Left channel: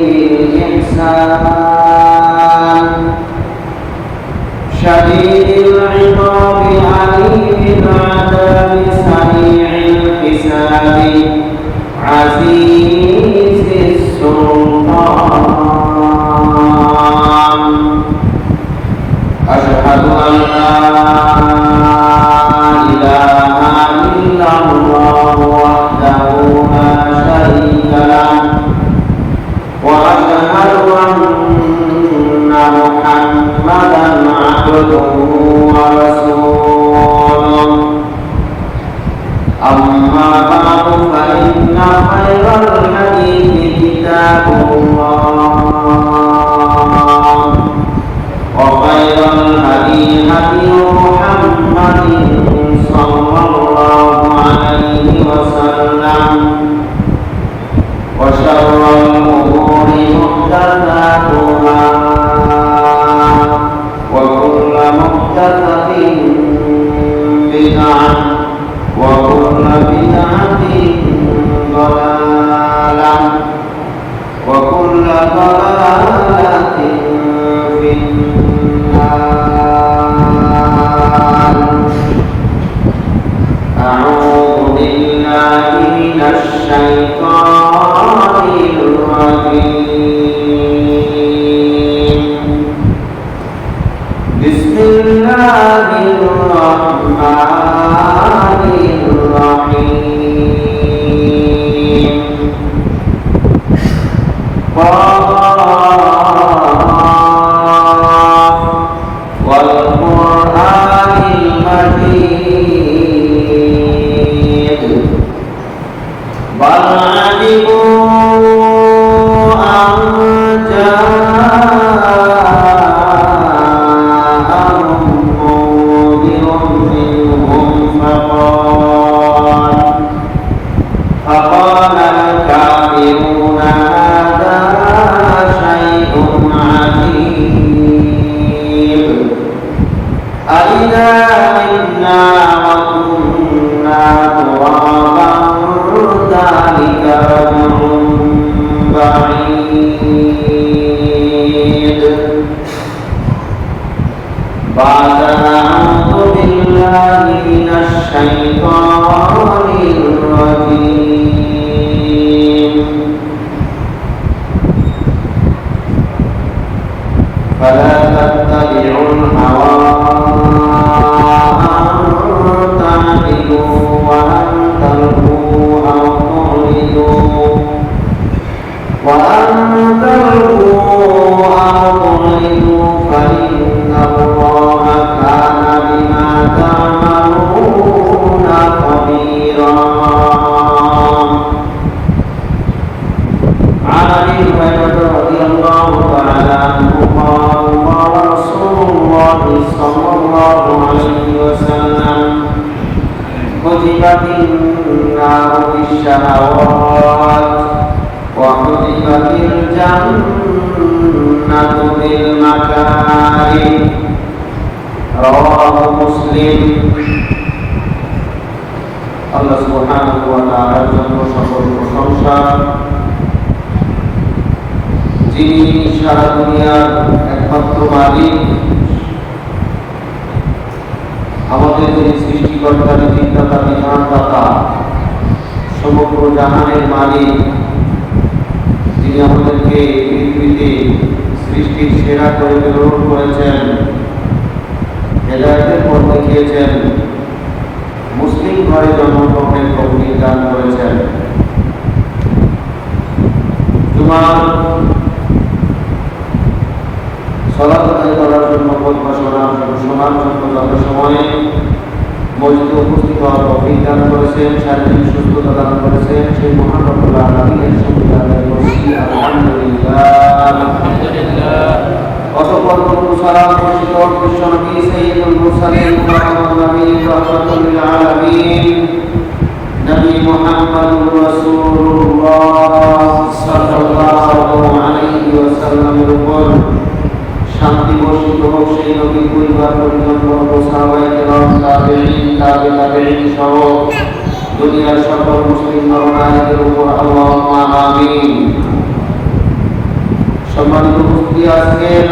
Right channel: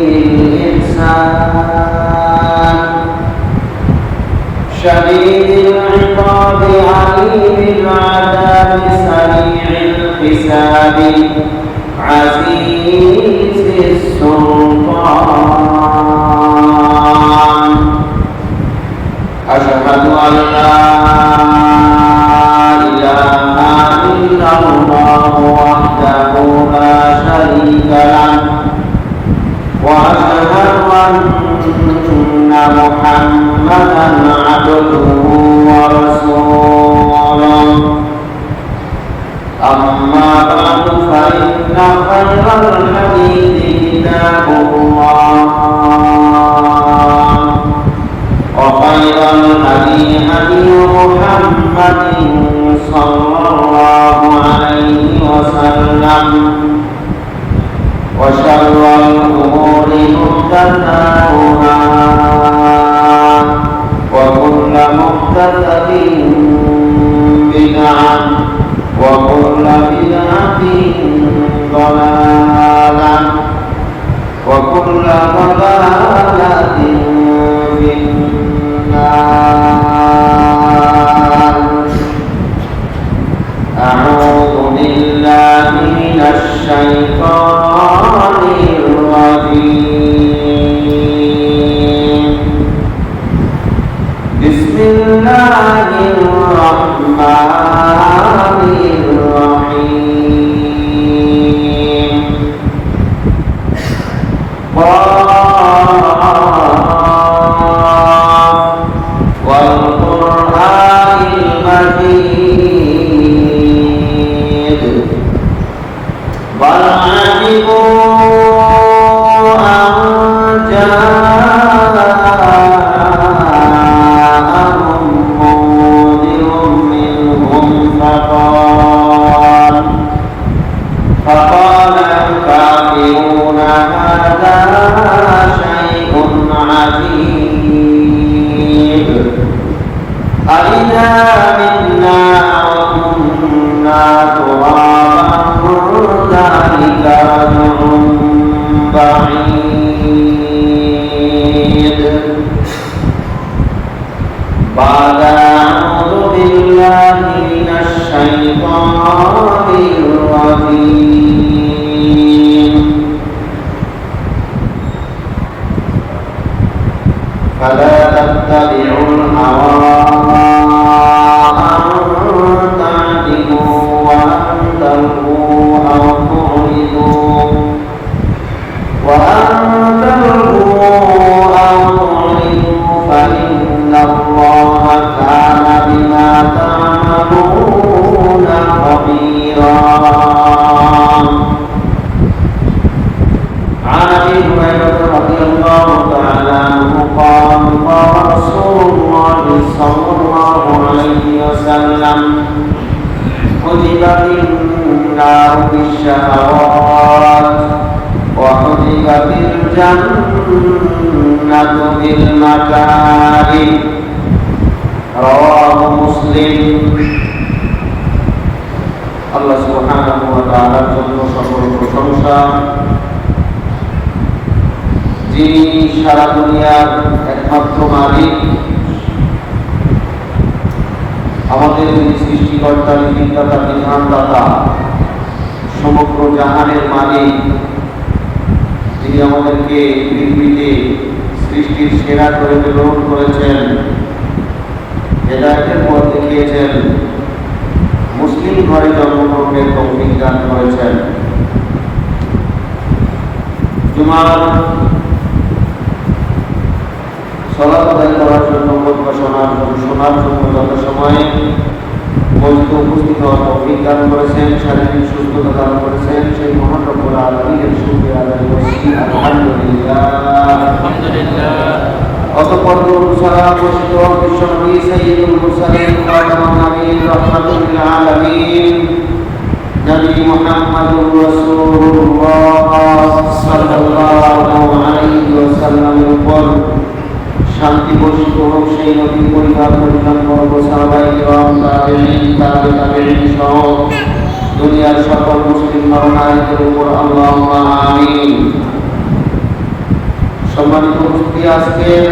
الإحسان شديد العقاب عليم العذاب سريع الحساب عزيز السلطان أشهد أن لا إله إلا الله وحده لا شريك له وأشهد أن محمدا عبده ورسوله أما بعد فإن خير الحديث كتاب الله وخير الهدي هدي محمد صلى الله عليه وسلم وشر الأمور محدثاتها وكل محدثة بدعة وكل بدعة ضلالة وكل ضلالة في النار. أعوذ بالله من الشيطان الرجيم. بسم الله الرحمن الرحيم. والقرآن المجيد بل عجبوا أن جاءهم منذر منهم فقال الكافرون هذا شيء عجيب أإذا متنا وكنا ترابا ذلك رجل بعيد. بعد أعوذ بالله من الشيطان الرجيم. فلا تتبعوا الهوى أن تعدلوا وأن تلقوا أو تعرضوا فإن الله كان بما تعملون خبيرا. عن أبي هريرة رضي الله تعالى عنه قال قال رسول الله صلى الله عليه وسلم كتبت النار بالشهوات وحجبت الجنة بالمكاره. رواه مسلم. আল্লাহ সুবহানাহু ওয়া তাআলার জন্য সকল প্রশংসা, যিনি সারা দুনিয়ার একমাত্র মালিক, আমাদের যিনি সৃষ্টিকর্তা, নীতিদাতা, বিধানদাতা, সমগ্র জাহানের মালিক, যিনি আমাদেরকে পৃথিবীতে সৃষ্টির সেরা করে গ্রহণ করেছেন, হেদায়েতের পথ দেখিয়েছেন, মুসলিম ঘরে জন্মগ্রহণের তৌফিক দান করেছেন। জুমার সালাত আদায় করার জন্য শোনার জন্য যত সময় মসজিদে উপস্থিত হওয়ার তৌফিক দান করেছেন, শারীরিক সুস্থতা দান করেছেন, সেই মহান রব্বুল আলামিনের শুকরিয়া আদায় করছি। আলহামদুলিল্লাহ। অতঃপর দরুদ সালাম বর্ষিত বিশ্বনবী সাইয়্যিদুল মুরসালিন খাতামুন নবিয়্যিন রাহমাতুল লিল আলামিন নবী মুহাম্মদুর রাসূলুল্লাহ সাল্লাল্লাহু আলাইহি ওয়াসাল্লামের উপর শান্তি বর্ষিত হোক। সেই নবীর পরিবার পরিজন বর্গ সাহাবায়ে কেরাম তাবেঈন সহ দুনিয়ার সকল মুসলিম নরনারীদের উপর আল্লাহুম্মা আমিন। সম্মানিত উপস্থিতি, আজকের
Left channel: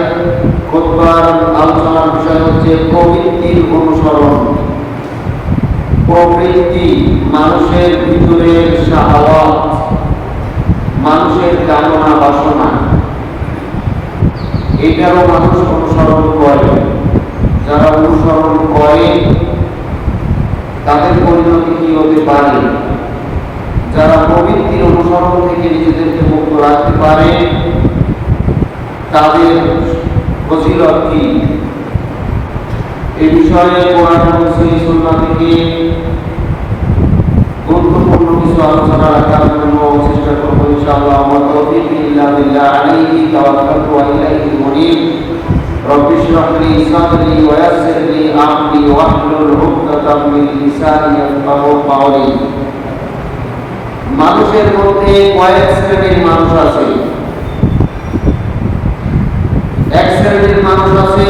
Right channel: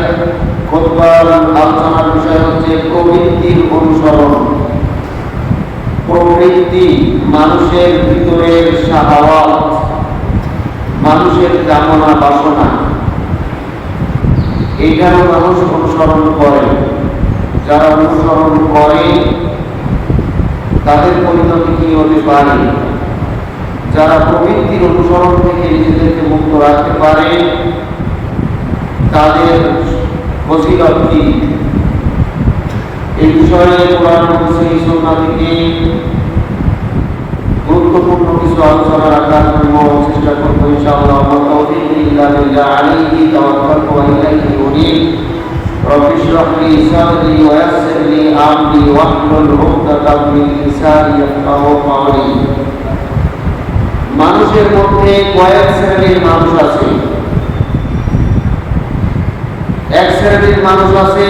খুতবার আলোচনার বিষয় হচ্ছে প্রবৃত্তির অনুসরণ। প্রবৃত্তি মানুষের ভিতরের শাহাওয়াত, মানুষের কামনা বাসনা, এটাও মানুষ অনুসরণ করে। যারা অনুসরণ করে তাদের পরিণতি কি হতে পারে? যারা প্রবৃত্তির অনুসরণ থেকে নিজেদেরকে মুক্ত রাখতে পারে তাদের ফজিলত কি? এই বিষয়ে কোরআন এবং সুন্নাহ থেকে গুরুত্বপূর্ণ কিছু আলোচনা রাখার জন্য চেষ্টা করব ইনশাআল্লাহ। তাওফীক ইল্লা বিল্লাহ, আলাইহি তাওয়াক্কালতু ওয়া ইলাইহি উনীব। রব্বি ইশরাহ লি সাদরি ওয়া ইয়াসসির লি আমরি ওয়াহলুল উকদাতাম মিন লিসানি ইয়াফকাহু কাওলি। মানুষের মধ্যে কয়েক শ্রেণীর মানুষ আছে। এক শ্রেণীর মানুষ আছে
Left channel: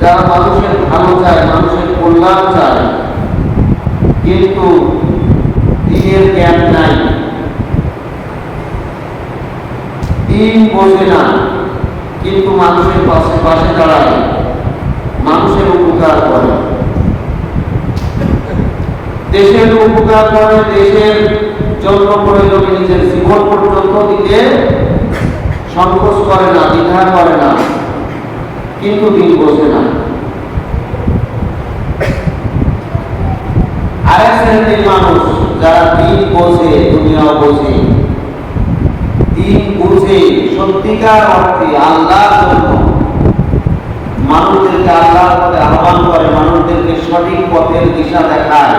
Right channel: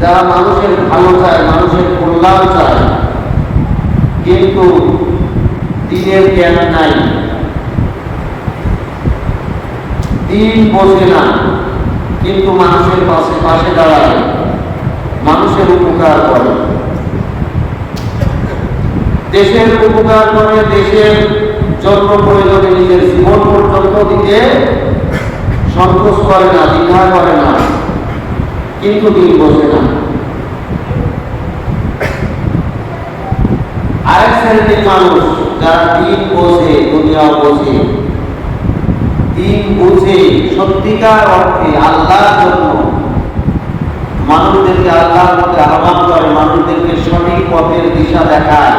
যারা মানুষের ভালো চায়, মানুষের কল্যাণ চায়, কিন্তু দিনের জ্ঞান নাই, দিন বোঝে না, কিন্তু মানুষের পাশে পাশে দাঁড়ায়, মানুষের উপকার করে, দেশের উপকার করে, দেশের জন্য প্রয়োজনে নিজের জীবন পর্যন্ত দিতে সংকোচ করে না, দ্বিধা করে না, কিন্তু দিন বোঝে না। আরেক শ্রেণীর মানুষ যারা দিন বোঝে, দুনিয়া বোঝে, দিন বুঝে সত্যিকার অর্থে আল্লাহর জন্য মানুষদেরকে আল্লাহর পথে আহ্বান করে, মানুষদেরকে সঠিক পথের দিশা দেখায়,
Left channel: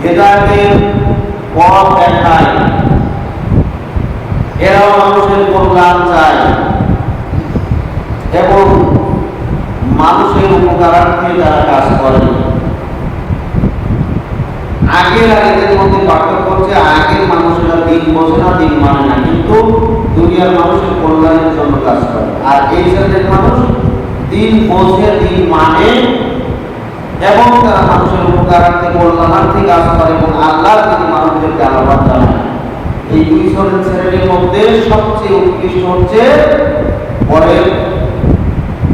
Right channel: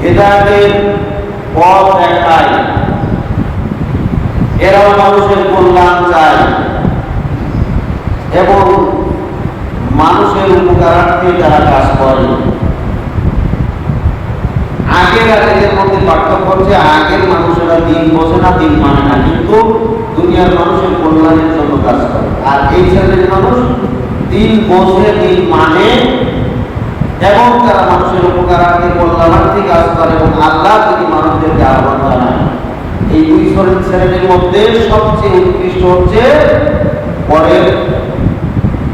হেদায়েতের পথ দেখায়। এরাও মানুষের কল্যাণ চায় এবং মানুষের উপকারার্থে যারা কাজ করে। আগের আর এদের মধ্যে পার্থক্য হচ্ছে, আগের মানুষেরা দিন বোঝে না, দিন মানে না, কিন্তু দুনিয়ার মানুষের কল্যাণের জন্য কাজ করে। আর এই শ্রেণীর মানুষ দিন বোঝে, দিন মানে এবং তারা মানুষের উপকারার্থে কল্যাণার্থে কাজ করে এবং আল্লাহ যদি মানুষদেরকে আহ্বান জানায়। এই দুই শ্রেণীর মধ্যে সবচেয়ে উৎকৃষ্ট হচ্ছে পরের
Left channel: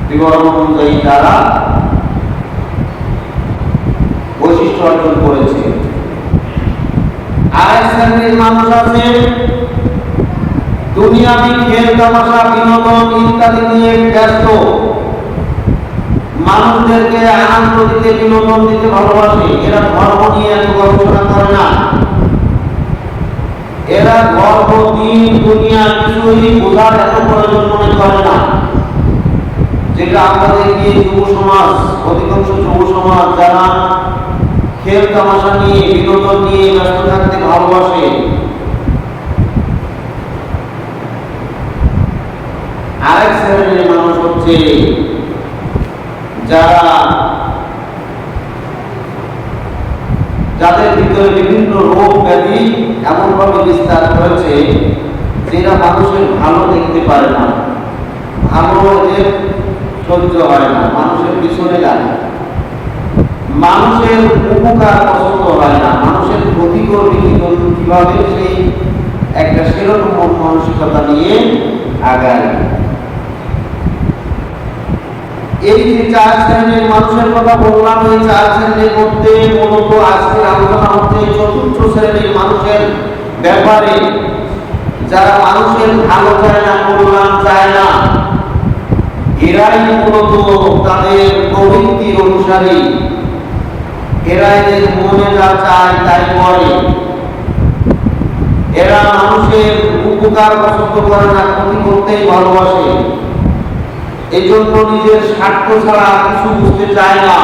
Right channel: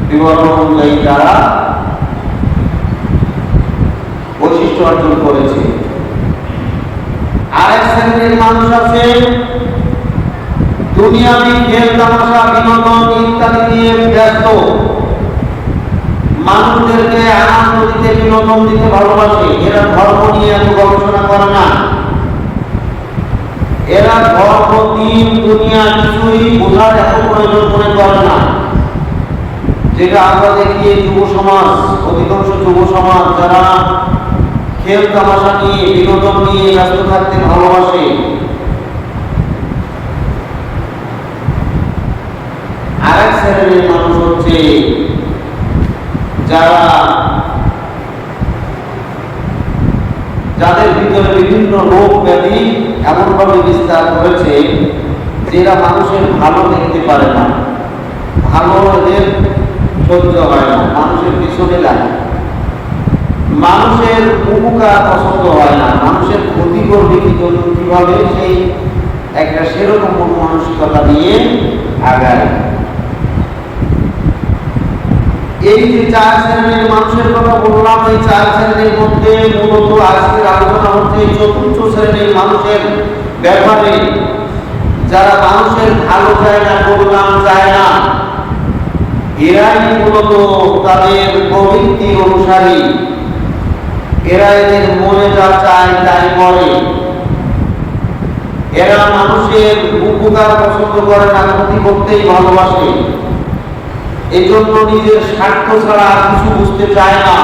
বিবরণ অনুযায়ী যারা বৈশিষ্ট্য অর্জন করেছে। আরেক শ্রেণীর মানুষ আছে দুনিয়াবি খেল তামাশা, বিনোদন ইত্যাদি নিয়ে ব্যস্ত, মানুষদেরকে আনন্দ দিতে, বিনোদন দিতে ভালোবাসে। এরা ধর্ম নিয়ে এত গবেষণা করে না, এরা ধর্ম, দিন, দুনিয়া কিছুই বোঝার এত প্রয়োজন মনে করে না। যেটা আমরা দেখি যুব সমাজ, অধিকাংশ যুব সমাজ যারা খেল তামাশা নিয়ে, বিনোদন নিয়ে ব্যস্ত থাকতে ভালোবাসে। আরেক শ্রেণীর মানুষ হচ্ছে যাদের ভিতরে বিভিন্ন রোগ ব্যাধি এমনভাবে বিস্তার হয়েছে যেটা মানুষের ভালো দেখতে পারে না, ভালো এদের সহ্য হয় না, মানুষের পিছনে লাগে, মানুষের উপকার পছন্দ হয় না, মানুষের ক্ষতি করবে কিভাবে সেই একটা সেরকম মানসিকতা নিয়ে আগায়। এই যে চার শ্রেণীর মানুষের কথা বললাম, এই চার শ্রেণীর মধ্যে মূলত আজকের আলোচনা হচ্ছে চতুর্থ শ্রেণীর মানুষের ব্যাপারে, যারা মানুষের ভালো চায় না, কল্যাণ চায় না। এরাই মূলত তাদের প্রবৃত্তির অনুসারী, এরা এদের মনে যা চায় তাই করে। এরা মানুষের উপকার পছন্দ করে না, ক্ষতি করতেই ভালোবাসে। এই জন্য নিজের স্বার্থ ছাড়া আর কিছু বুঝতে চায় না।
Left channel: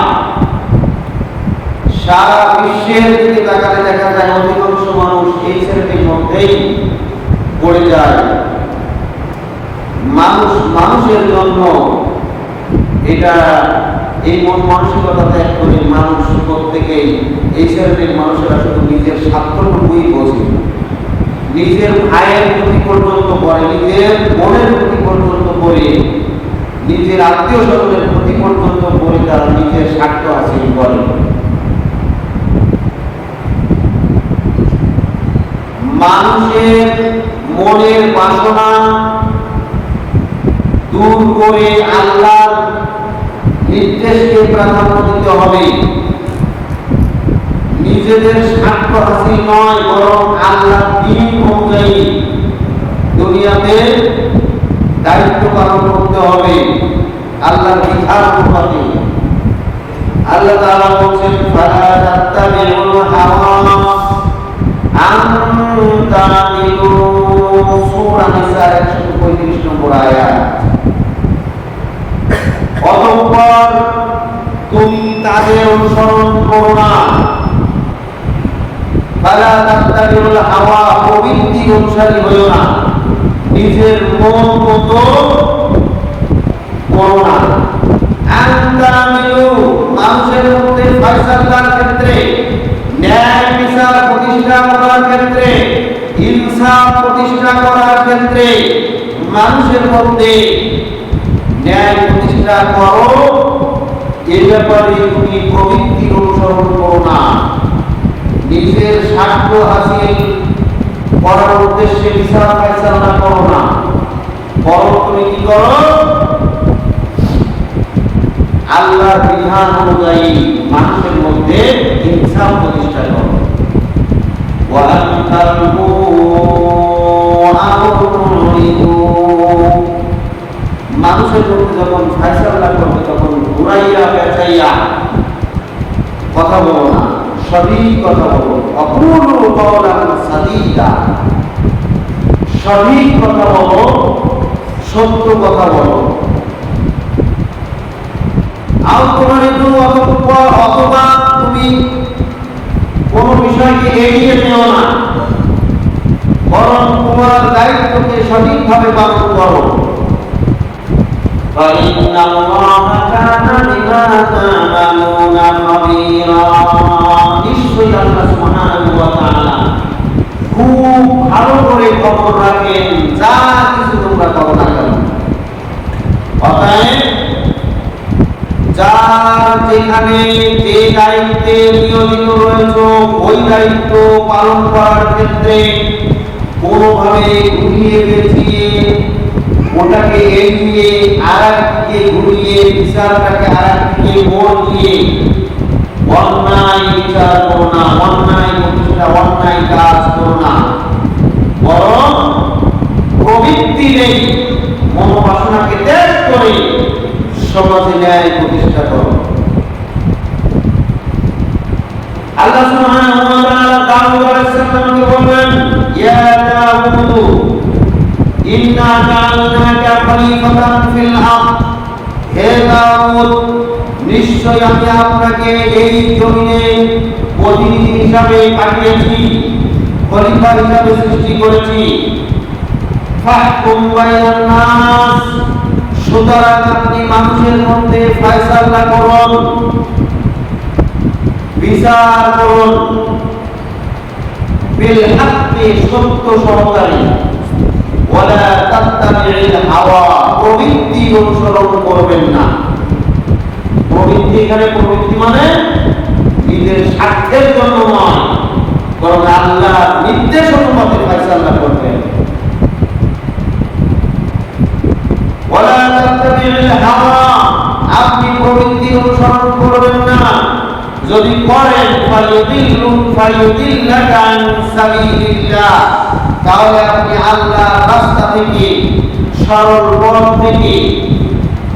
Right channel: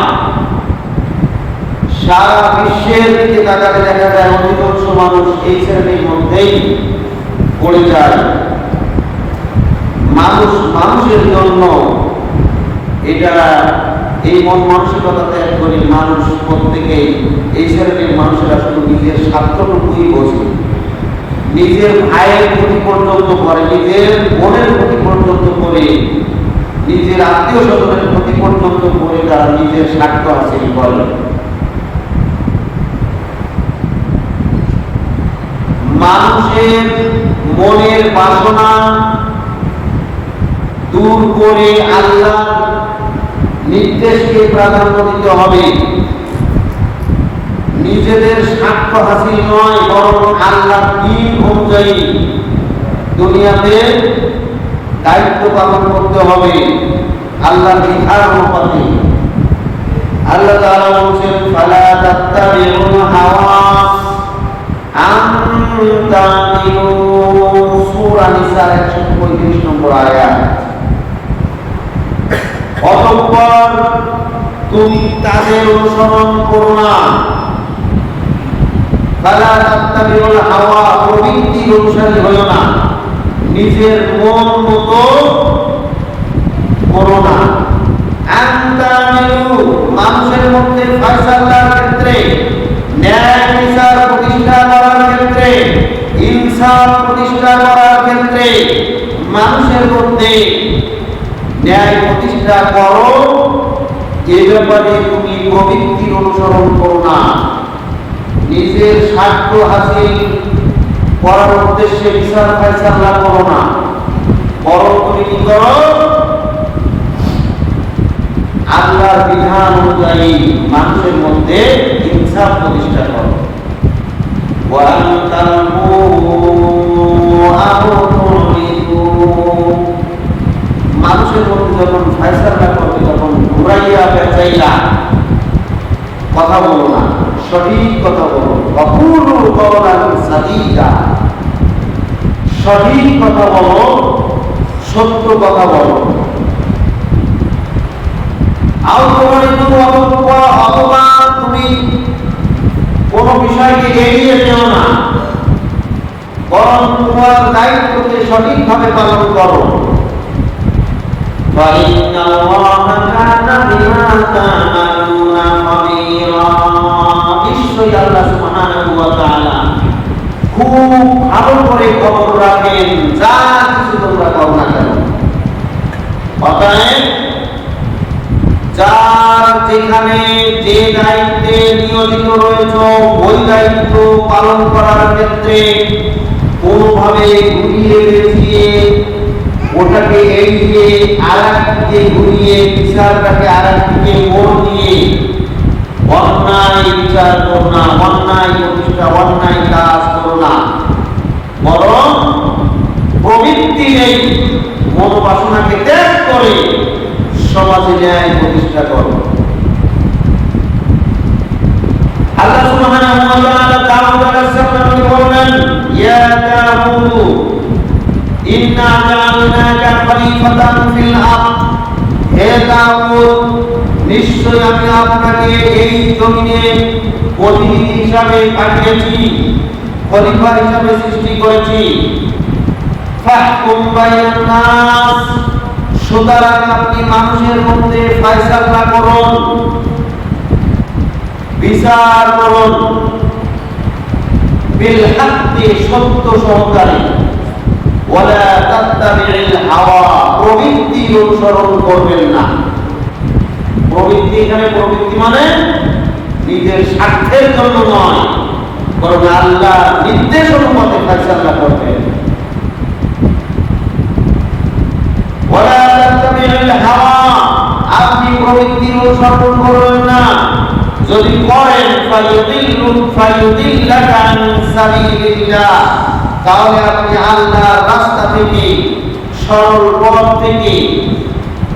সারা বিশ্বের দিকে তাকাতে দেখা যায় অধিকাংশ মানুষ এই শ্রেণীর মধ্যেই পড়ে যায়। মানুষ মানুষের জন্য, এটা এই মন মানসিকতা ত্যাগ করে মানুষ প্রত্যেকেই, এই শ্রেণীর মানুষেরা শুধু নিজের স্বার্থটুকুই বোঝে, নিজের ভাইয়ের ক্ষতি পর্যন্ত করে, নিজের বোনের ক্ষতি পর্যন্ত করে, নিজের আত্মীয় স্বজনের ক্ষতি পর্যন্ত করে তারা নিজের স্বার্থ হাসিল করে। মানুষের মনের বাসনা দূর করে আল্লাহর নির্দেশকে প্রাধান্য দিতে হবে। নিজেদের স্বার্থ হাসিল নয়, বরং আল্লাহর দ্বীন অনুযায়ী দুনিয়াতে দায়িত্ব পালন করতে হবে আল্লাহর বিধান অনুযায়ী। আল্লাহ তাআলা বলেন, ফালা তাত্তাবিউল হাওয়া আন তাদিলু, সূরা নিসা 135 নম্বর আয়াত। অতঃপর তুমি তাদের অনুসরণ করো না। ফালা তাত্তাবিউল হাওয়া, প্রবৃত্তি অনুসারী হয়ো না, নিজের মন মতো করো না। মানুষের মধ্যে ফয়সালার ক্ষেত্রে, ন্যায় বিচার প্রতিষ্ঠা করার ক্ষেত্রে, ইনসাফ প্রতিষ্ঠা করার ক্ষেত্রে মানুষের মধ্যে ন্যায় প্রতিষ্ঠা করো। এ ব্যাপারে তুমি প্রবৃত্তি অনুসরণ করো না, নিজের স্বার্থ হাসিল করার উদ্দেশ্যে বিচার ফয়সালা করো না, বরং তুমি কি করো? আল্লাহর বিধান অনুযায়ী মানুষের মধ্যে ইনসাফ প্রতিষ্ঠা করো। মানুষের মধ্যে যখন ফয়সালা করবে তখন ঘুরাইয়া পেঁচাইয়া কথা বলো না, সঠিক কথা বলো। অকুলুল কওলান সাদীদা, সঠিক কথা বলো, সত্য কথা বলো। অথবা তুমি কোন বিষয়কে এড়িয়ে যেও না, বরং তোমার দায়িত্বকে সঠিকভাবে পালন করো। নিশ্চয়ই আল্লাহ সুবহানাহু ওয়া তাআলা খুব ভালো করে খবর রাখেন যা কিছু তোমরা করো না কেন। অতএব যার যেখানে যে দায়িত্বে নিয়োজিত রয়েছে ওই দায়িত্ব পালন করার ক্ষেত্রে কোনোভাবে ঘুরিয়ে পেঁচিয়ে ওটাকে এগিয়ে আরেকদিকে ঘুরিয়ে বিচারটাকে আরেকদিকে মোড় দিয়ে অন্যায় বিচার করো না, অন্যায় প্রতিষ্ঠা, অন্যায় কাজ করো না, বরং প্রবৃত্তি নেই মনোবাসনাকে ত্যাগ করে সমাজে ন্যায় প্রতিষ্ঠা করো। আল্লাহ সুবহানাহু ওয়া তাআলা দাউদ আলাইহিস সালামকে বললেন, ইয়া দাউদ ইন্না জাআলনাকা খলিফাতান ফিল আরদ, হে দাউদ নিশ্চয় আমি আপনাকে এই জমিনে প্রতিনিধি হিসাবে পাঠিয়েছি, খলিফা হিসাবে সৃষ্টি করেছি। ফাহকুম বাইনান নাস, সুতরাং আপনি মানুষের মধ্যে ফয়সালা করুন, বিচার করুন, বিল হাক্কি, সত্য সহকারে, ওয়ালা তাত্তাবিউল হাওয়া, প্রবৃত্তি অনুসরণ করবেন না। প্রবৃত্তি, এখানে প্রবৃত্তি মানে নিজের স্বার্থের জন্য নয়, বরং আল্লাহ নির্দেশ অনুমতে ফয়সালা করবেন। ওয়ালা তাত্তাবিউল হাওয়া, আপনি প্রবৃত্তি অনুসরণ করবেন না। যদি করেন ফায়ুদিল্লাকা আন সাবিলিল্লাহ, তাহলে আপনি আল্লাহর রাস্তা থেকে, সরল পথ থেকে,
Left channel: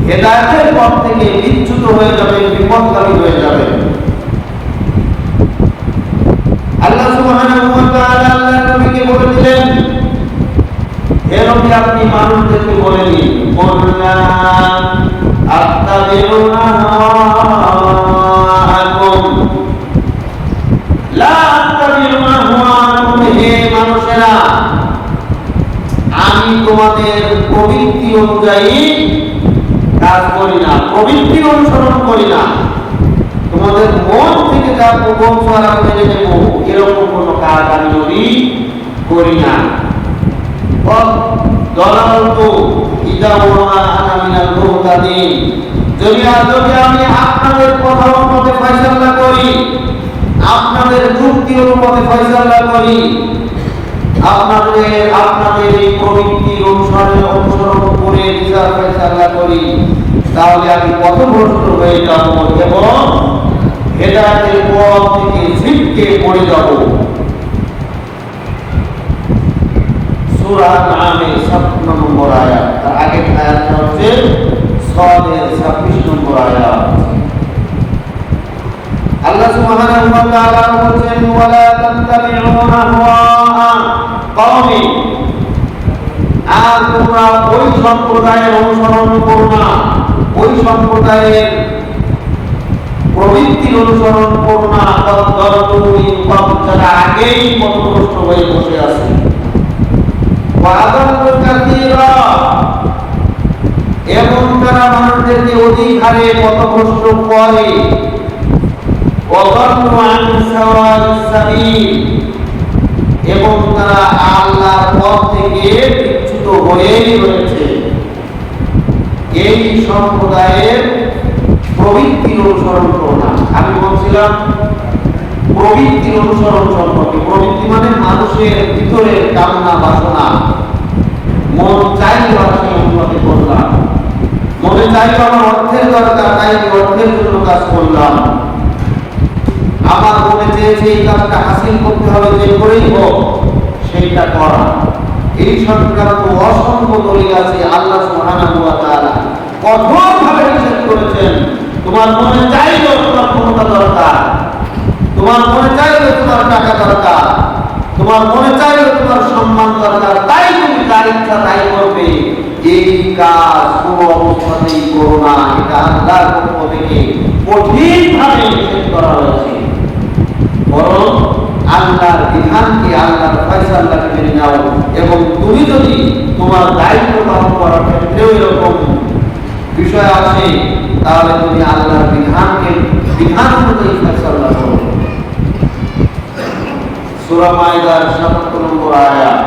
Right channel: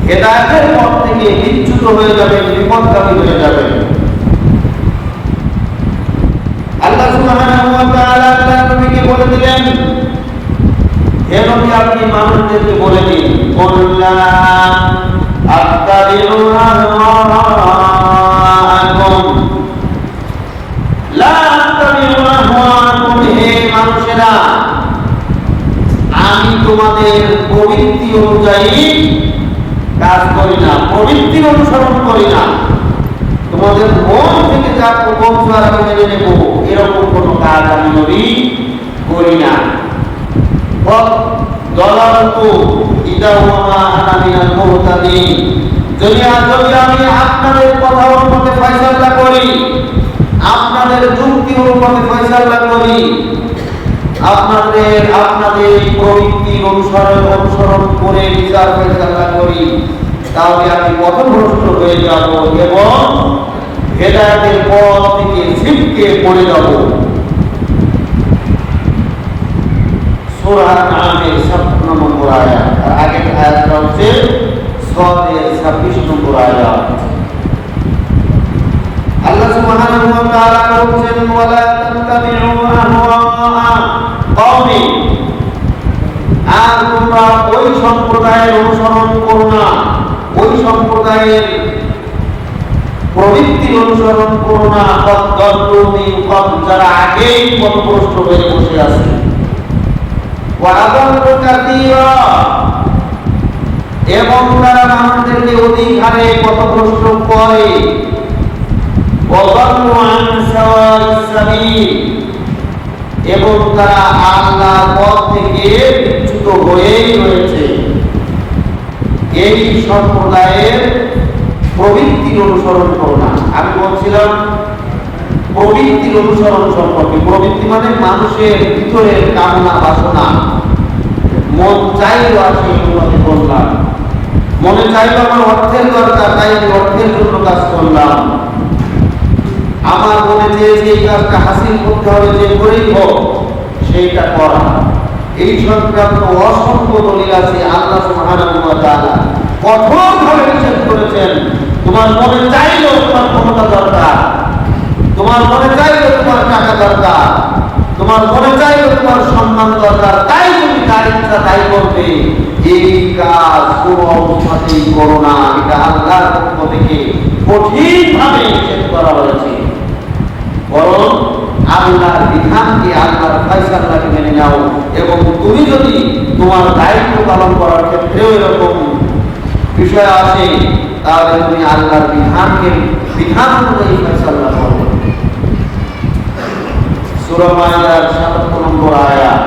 হেদায়েতের পথ থেকে বিচ্যুত হয়ে যাবেন, বিপথগামী হয়ে যাবেন। আল্লাহ সুবহানাহু ওয়া তাআলা আল্লাহর নবীকে বলে দিলেন, হে নবী আপনি মানুষদেরকে বলে দিন, কুল্লা আত্তাবিউ আহওয়াআকুম, লা আত্তাবিউ আহওয়াআকুম, হে মানুষেরা আমি তোমাদের প্রবৃত্তি অনুযায়ী কাজ করি না, প্রবৃত্তি অনুসরণ করি না, তোমাদের মন থেকে যা প্রবঞ্চনা মেনে নেব এরকম কোন কাজ আমি নবী করি না। যদি আমি আপনাদের কথা অনুমতে ফয়সালা করি, আপনাদের যুক্তি অনুমতে ফয়সালা করি, আপনাদের এই প্রবৃত্তি অনুসরণ করে বিচার ফয়সালা করি, তাহলে আমি পথভ্রষ্ট হয়ে যাব এবং হেদায়েতের পথ থেকে ছিটকে পড়ে যাব। সূরা আনআমের 56 নম্বর আয়াত, আর আগের আয়াতটা হচ্ছে সূরার 26 নম্বর আয়াত। আল্লাহ সুবহানাহু ওয়া তাআলা বলেন, ওয়ালা তাত্তাবিউনা আহওয়া কওমি, আর তোমরা ওই সম্প্রদায়ের অনুসরণ করো না, ওই সম্প্রদায়ের প্রবৃত্তির অনুসরণ করো না, যারা আগেই পথভ্রষ্ট হয়ে বসে আছে। এবং তারা মানুষদেরকে অধিক হারে পথভ্রষ্ট করে, এবং তারা আল্লাহর পথ থেকে বিচ্যুত হয়েই রয়েছে। এই সম্প্রদায়ের প্রবৃত্তির অনুসরণ করো না। আমি বলছিলাম প্রবৃত্তির অনুসরণ সম্পর্কে। প্রবৃত্তি মানে মানুষের ভিতরের কামনা বাসনা, মন চাইলো আর সেই অনুমতি করলাম, মনে চাইলো আমার অর্থের দরকার, তাই আমি অর্থের জন্য কাজ করলাম, আমার মনে চেয়েছে এই কাজটা হাসিল করতে হবে, যে করেই হোক সেইটা করা। এই সংক্রান্ত অসংখ্য দলিল আছে। আল্লাহ সুবহানাহু ওয়া তাআলা কঠোরভাবে নিষেধ করেছেন, তোমার মনে চাইলো তোমার ক্ষমতা দরকার, তোমার মনে চাইলো তোমার টাকা দরকার, তোমার মনে চাইলো তোমার সম্মান দরকার, তাই তুমি তার ইচ্ছা তাই করবে, এই কাজ কোনো অবস্থাতেই করো না। এটা আল্লাহর পক্ষ থেকে কঠিনভাবে নিষেধ করা হয়েছে। বরং আল্লাহর বিধানকে, আল্লাহর ফয়সালাকে মেনে নাও। এবং তুমি যদি তোমার দায়িত্ব পালন করার ক্ষেত্রেও এরকম বিষয় আসে, তাহলে তুমি আল্লাহর বিধান অনুযায়ী ফয়সালা করো। সূরা মাইদার ৭৭ নম্বর আয়াত,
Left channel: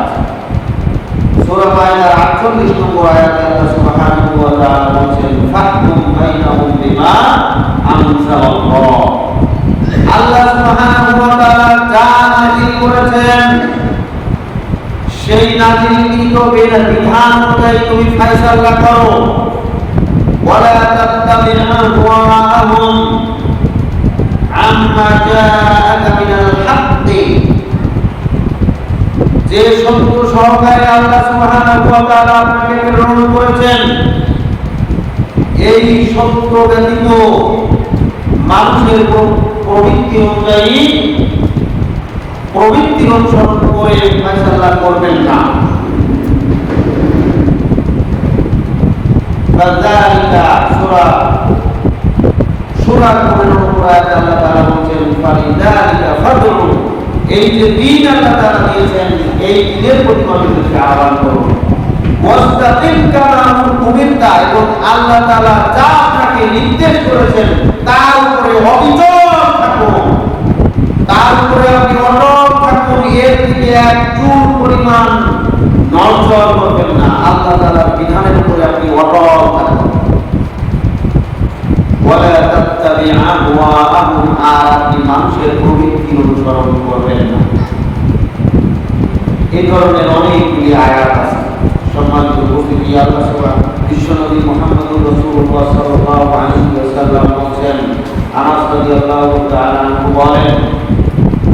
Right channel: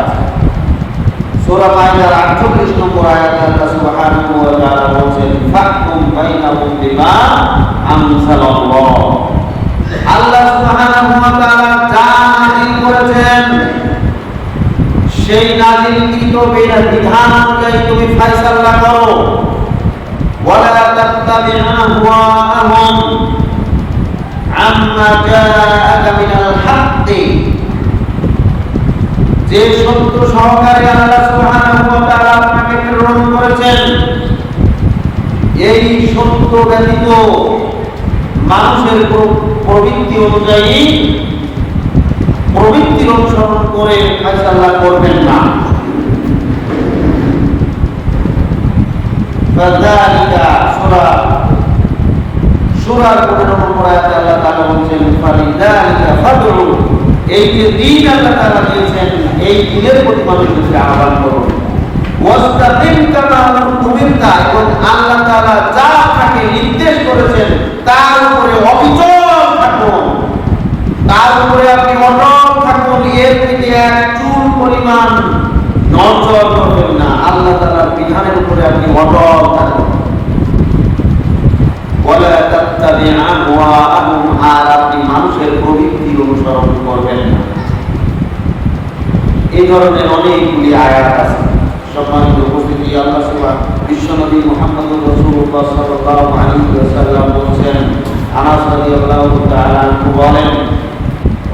সূরা মাইদার ৪৮ নম্বর আয়াতে আল্লাহ সুবহানাহু ওয়া তাআলা বলেন, ফাহকুম বাইনাহুম বিমা আনজালাল্লাহ। আল্লাহ সুবহানাহু ওয়া তাআলা যা নাযিল করেছেন সেই নাযিলকৃত বিধান অনুযায়ী তুমি ফয়সালা করো। ওয়ালা তাত্তাবি' আহওয়াআহুম আম্মা জাআকা মিনাল হাক্কি, যে সত্য সহকারে আল্লাহ সুবহানাহু ওয়া তাআলা আপনাকে প্রেরণ করেছেন, এই সত্য ব্যতীত মানুষের প্রবৃত্তি অনুযায়ী প্রবৃত্তির অনুসরণ করে ফয়সালা করবেন না। ফাযালিকা সূরার 15 নম্বর আয়াতে আল্লাহ তাআলা বলেন, ফালিযালিকা ফাদউ, এই যে দিন আল্লাহ তাআলা দিয়েছেন, এই দিনের প্রতি মানুষকে আহ্বান করুন। ওয়াস্তাকিম কামা উমিরতা, এবং আল্লাহ তাআলা যা আপনাকে নির্দেশ করেছেন তার উপরে অবিচল থাকুন, তার উপরে আপনি অটল থাকুন, এর থেকে এক চুল পরিমাণ নড়চড় করবেন না। আল্লাহ তাআলার বিধানের উপরে আপনি অটল থাকুন। ওয়ালা তাত্তাবি' আহওয়াআহুম, আর আপনি মানুষের প্রবৃত্তি অনুসরণ করবেন না। এই ধরনের অনেকগুলি আয়াত আছে। সম্মানিত উপস্থিতি, আল্লাহ সুবহানাহু বিশ্বনবী মুহাম্মদুর রাসূলুল্লাহ সাল্লাল্লাহু আলাইহি ওয়াসাল্লাম বলেন, আনাস রাদিয়াল্লাহু তাআলা আনহু বলেন,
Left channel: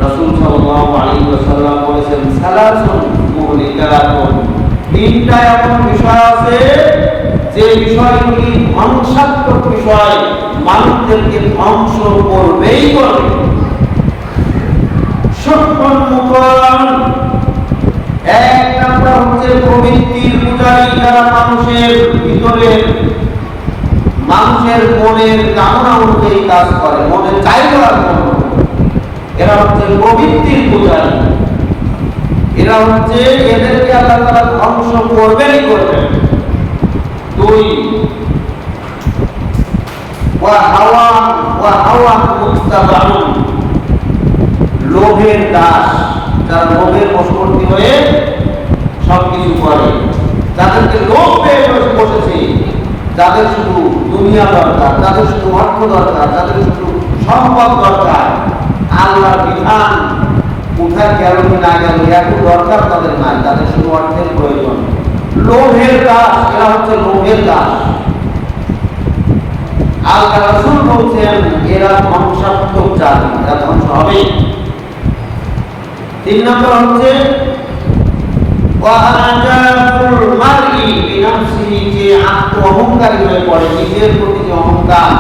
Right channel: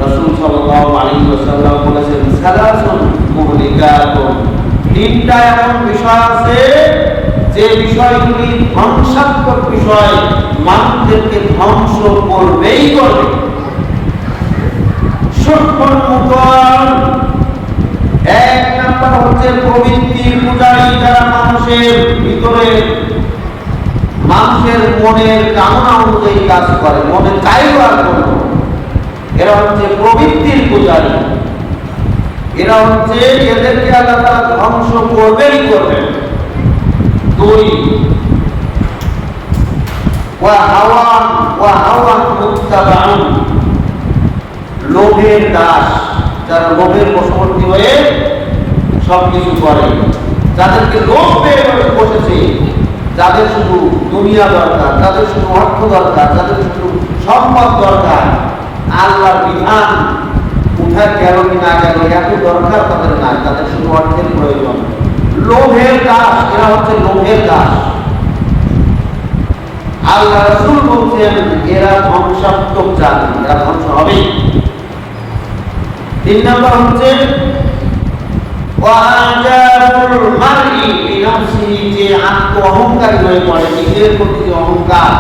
রাসূল সাল্লাল্লাহু আলাইহি ওয়াসাল্লাম বলেছেন, সালাসুন মুহলিকাতুন, তিনটা এমন বিষয় আছে যে বিষয়গুলি ধ্বংসাত্মক বিষয়, মানুষদেরকে ধ্বংস করবেই করবে। সুখমন মুতল, এক নম্বর হচ্ছে প্রবৃত্তির পূজারী, যারা মানুষের ভিতরে মানুষের মনের কামনা অনুযায়ী কাজ করে, মনে চাইলো আর এরা হচ্ছে প্রবৃত্তির পূজারী। এরা হচ্ছে এদেরকে আল্লাহ তাআলা ধ্বংস করবেই করবেন। দুই, ওয়া হাওয়া মুত্তাবাউন, লোভের দাস, যারা লোভের বশবর্তী হয়ে সবকিছু করে, যাদেরকে লোভ পেয়ে বসেছে, যাদের শুধু দুনিয়া দরকার, যাদের শুধু অর্থ দরকার, যাদের শুধু সম্পদ দরকার, আল্লাহর বিধান কোথায় গেল কি না গেল এত দরকার তাদের নাই, তাদের শুধু অর্থের প্রয়োজন। লোভের দাস, এরা হচ্ছে লোভের দাস। আল্লাহ রাসূল বলছেন এরা ধ্বংসাত্মক জাতি, এরা ধ্বংস হবে। 3 নম্বর হচ্ছে ওয়াজাবুল মারই বিনফসিহি, যে আত্ম অহংকারী হয়ে পড়ে, নিজের প্রতি যে অহংকার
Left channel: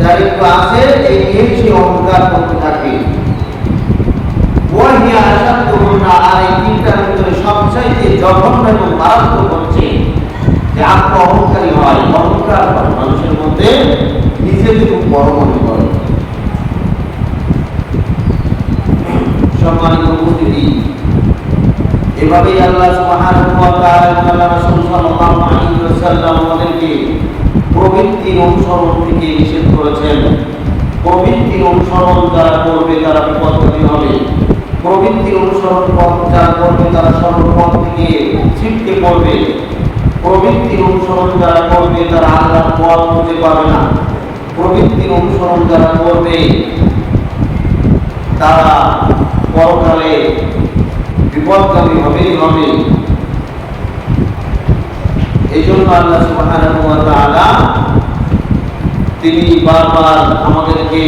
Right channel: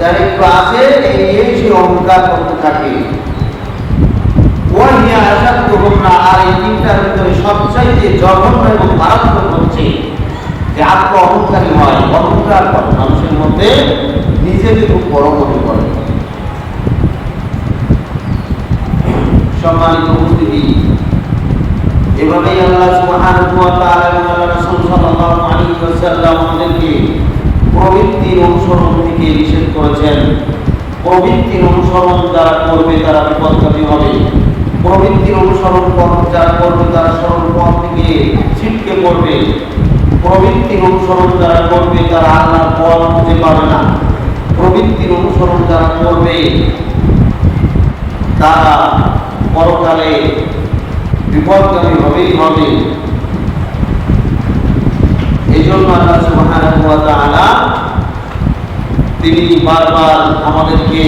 দায়িত্ব আছে এই সে অহংকার করতে থাকে। ওয়াহিয়া আশাদুহুন্না, আর এই তিনটার ভিতরে সবচাইতে জঘন্য এবং মারাত্মক হচ্ছে যে আত্ম অহংকারী হয়, অহংকার করে মানুষের মধ্যে নিজেকে খুব বড় মনে করে। সম্মানিত উপস্থিতি, এভাবেই আল্লাহ সুবহানাহু ওয়া তাআলা রাসূল সাল্লাল্লাহু আলাইহি ওয়াসাল্লাম আমাদেরকে প্রবৃত্তির অনুসরণ থেকে নিষেধ করেছেন। প্রবৃত্তির অনুসরণ যারা করবে তারা বিপদগামী হবে। প্রবৃত্তির অনুসরণ যারা করবে তারা সর্বপথ থেকে ছিটকে পড়বে। প্রবৃত্তির অনুসরণ যারা করবে তারা আল্লাহর পথ খুঁজে পাবে না। প্রবৃত্তির অনুসরণ যারা করবে তারা পরকালে বিপদগামী হবেই হবে। এই জন্য আল্লাহ সুবহানাহু ওয়া তাআলা তিনি বারবার আমাদেরকে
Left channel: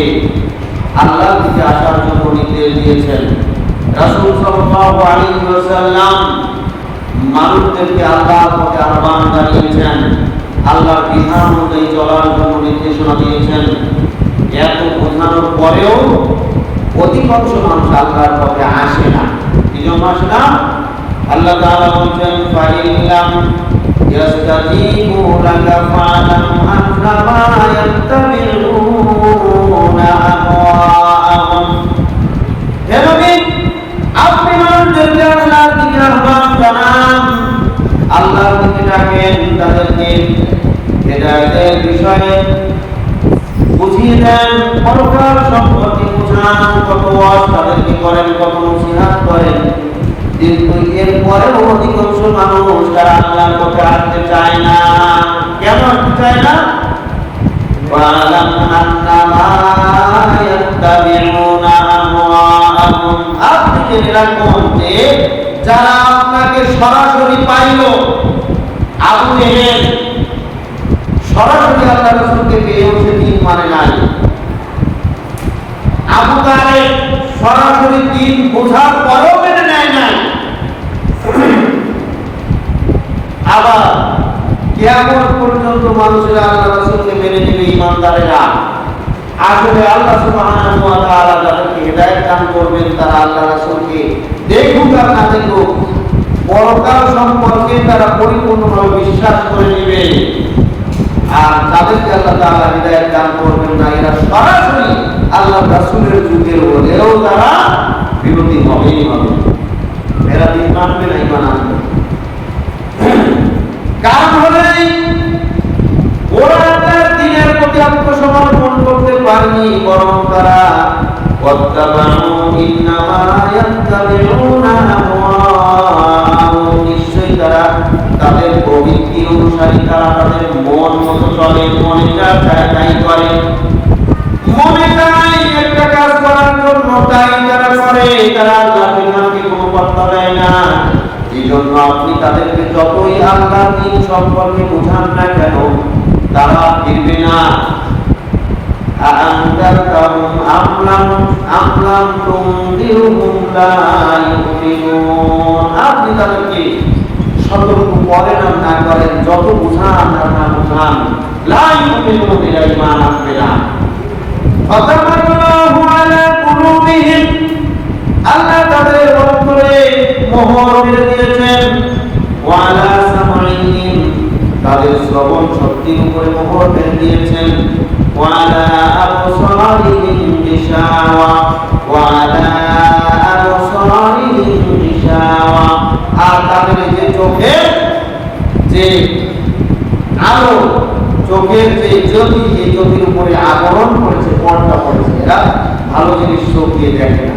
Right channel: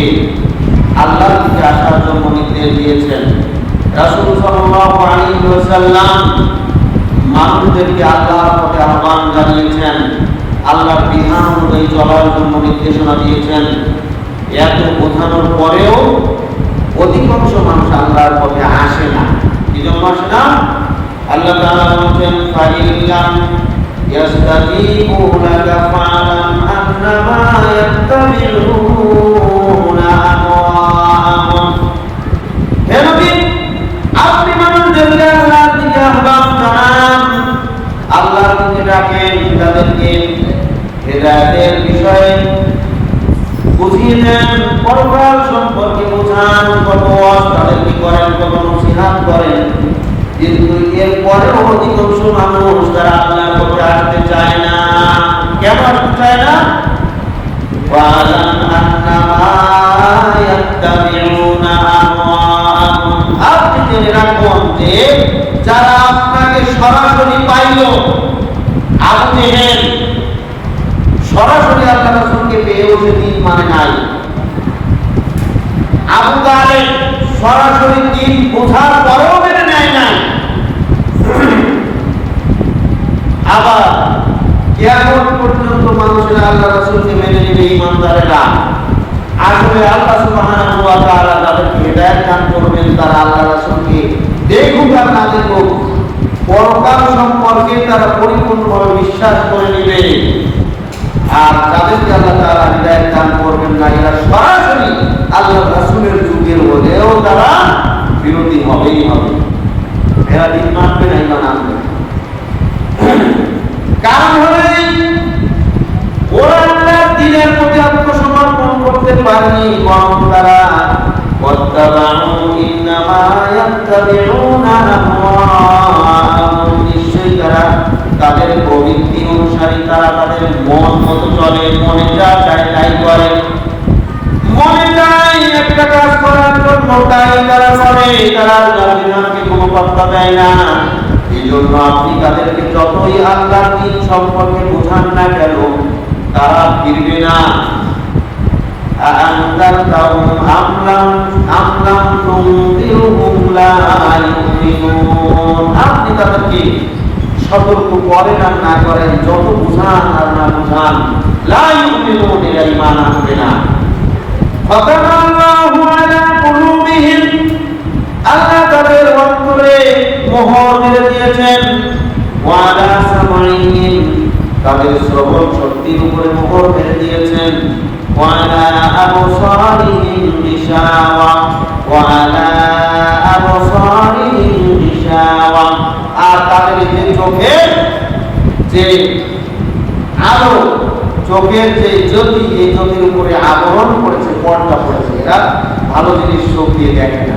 আল্লাহর দিকে আসার জন্য নির্দেশ দিয়েছেন। রাসূল সাল্লাল্লাহু আলাইহি ওয়াসাল্লাম মানুষদেরকে আল্লাহর পথে আহ্বান জানিয়েছেন, আল্লাহর বিধান অনুযায়ী চলার জন্য নির্দেশনা দিয়েছেন। এত বোঝানোর পরেও অধিকাংশ মানুষ আল্লাহর পথে আসে না। কি জন্য আসে না? আল্লাহ তাআলা বলেন ফাইল্লাম ইয়াস্তাজিবু লাকা ফা'লাম আন্নামা ইয়াত্তাবি'উনা আহওয়া'আহুম। হে নবী, আপনি মানুষদেরকে আল্লাহর দিকে আহ্বান জানান, আল্লাহর দিকে ডাকেন, তাদেরকে হেদায়েতের বিষয়ে বুঝিয়ে দেন, পরকাল সম্পর্কে বোঝান, কত ওয়াজ তাদেরকে করেন, কত নসিহত করেন। কিন্তু এরপরেও অধিকাংশ মানুষ তারা আল্লাহর পথে আসতে চায় না। কেন আসতে চায় না? ওয়ালাম আন্নামা ইয়াত্তাবিউনা আহওয়া'আহুম, আপনি জেনে রাখুন যে যারা আপনাকে সরাসরি পাইল, আবু জেহেল সরাসরি আল্লাহ রাসূলকে পেয়েও সে দিন মানে নাই। আবু তালেব সরাসরি দিন বোঝার পরেও মেনে নেয় নাই। আবার কিয়ামত পর্যন্ত মানুষেরা আল্লাহ রাসূলকে মেনে নেবে ঈমানদারেরা। আসলে আল্লাহ সুবহানাহু ওয়া তাআলা যাদেরকে হেদায়েত দান করবেন তারা আল্লাহ রাসূলকে দেখুক আর না দেখুক, পরকাল সম্পর্কে তারা পরিপূর্ণভাবে বিশ্বাস করে নেবে। আর তাদেরকে আল্লাহ তাআলা হিদায়াত দান করবেন না, এরা সরাসরি আল্লাহ রাসূলের যুগের হলেও তারা বিরোধী হবেই হবে। এরা দিন মানবে না, ঈমান আনবে। কারণ হলেই ওরা আল্লাহর দ্বীনের প্রতি আত্মসমর্পণ করতে পারেনি, বরং তারা ওয়াত্তাবাউ ইন্নামা ইয়াত্তাবিউনা আহওয়া'আহুম, নিশ্চয়ই তারা তাদের প্রবৃত্তি অনুসারী, তারা তাদের মন মতো চলে, মনে যা চায় তাই করে। মনে চায় একটা কাজ করার জন্য তাই তারা করে, তারা আল্লাহর বিধানকে কোনো পাত্তা দেয় না। এই জন্য আপনি তাদেরকে যতই আল্লাহর দ্বীন সম্পর্কে বোঝান না কেন, তারা ফিরবে না। আ'আনদারতাহুম আম লাম তুনদিরহুম লা ইউমিনুন, আপনি তাদেরকে সতর্ক করেন আর না করেন, যত বুঝান আর না বুঝান, লা ইউমিনুন, এরা ঈমান আনবে না। ফাতামাল্লাহু আলা কুলুবিহিম, আল্লাহ তাদের অন্তরে মোহর মেরে দিয়েছেন। ওয়া আলা সামঈহিম, তাদের শ্রবণ শক্তির উপরে মোহর মেরে দিয়েছেন। ওয়া আলা আবসারিহিম গিশাওয়া, ওয়া আলা আবসারিহিম গিশাওয়া, আর তাদের যে চোখের যে আলো, চোখের যে জ্যোতি, এই জ্যোতির উপরে আবরণ করেছে, পর্দা পড়েছে, এরা ভালো জিনিস চোখ দিয়ে দেখে না।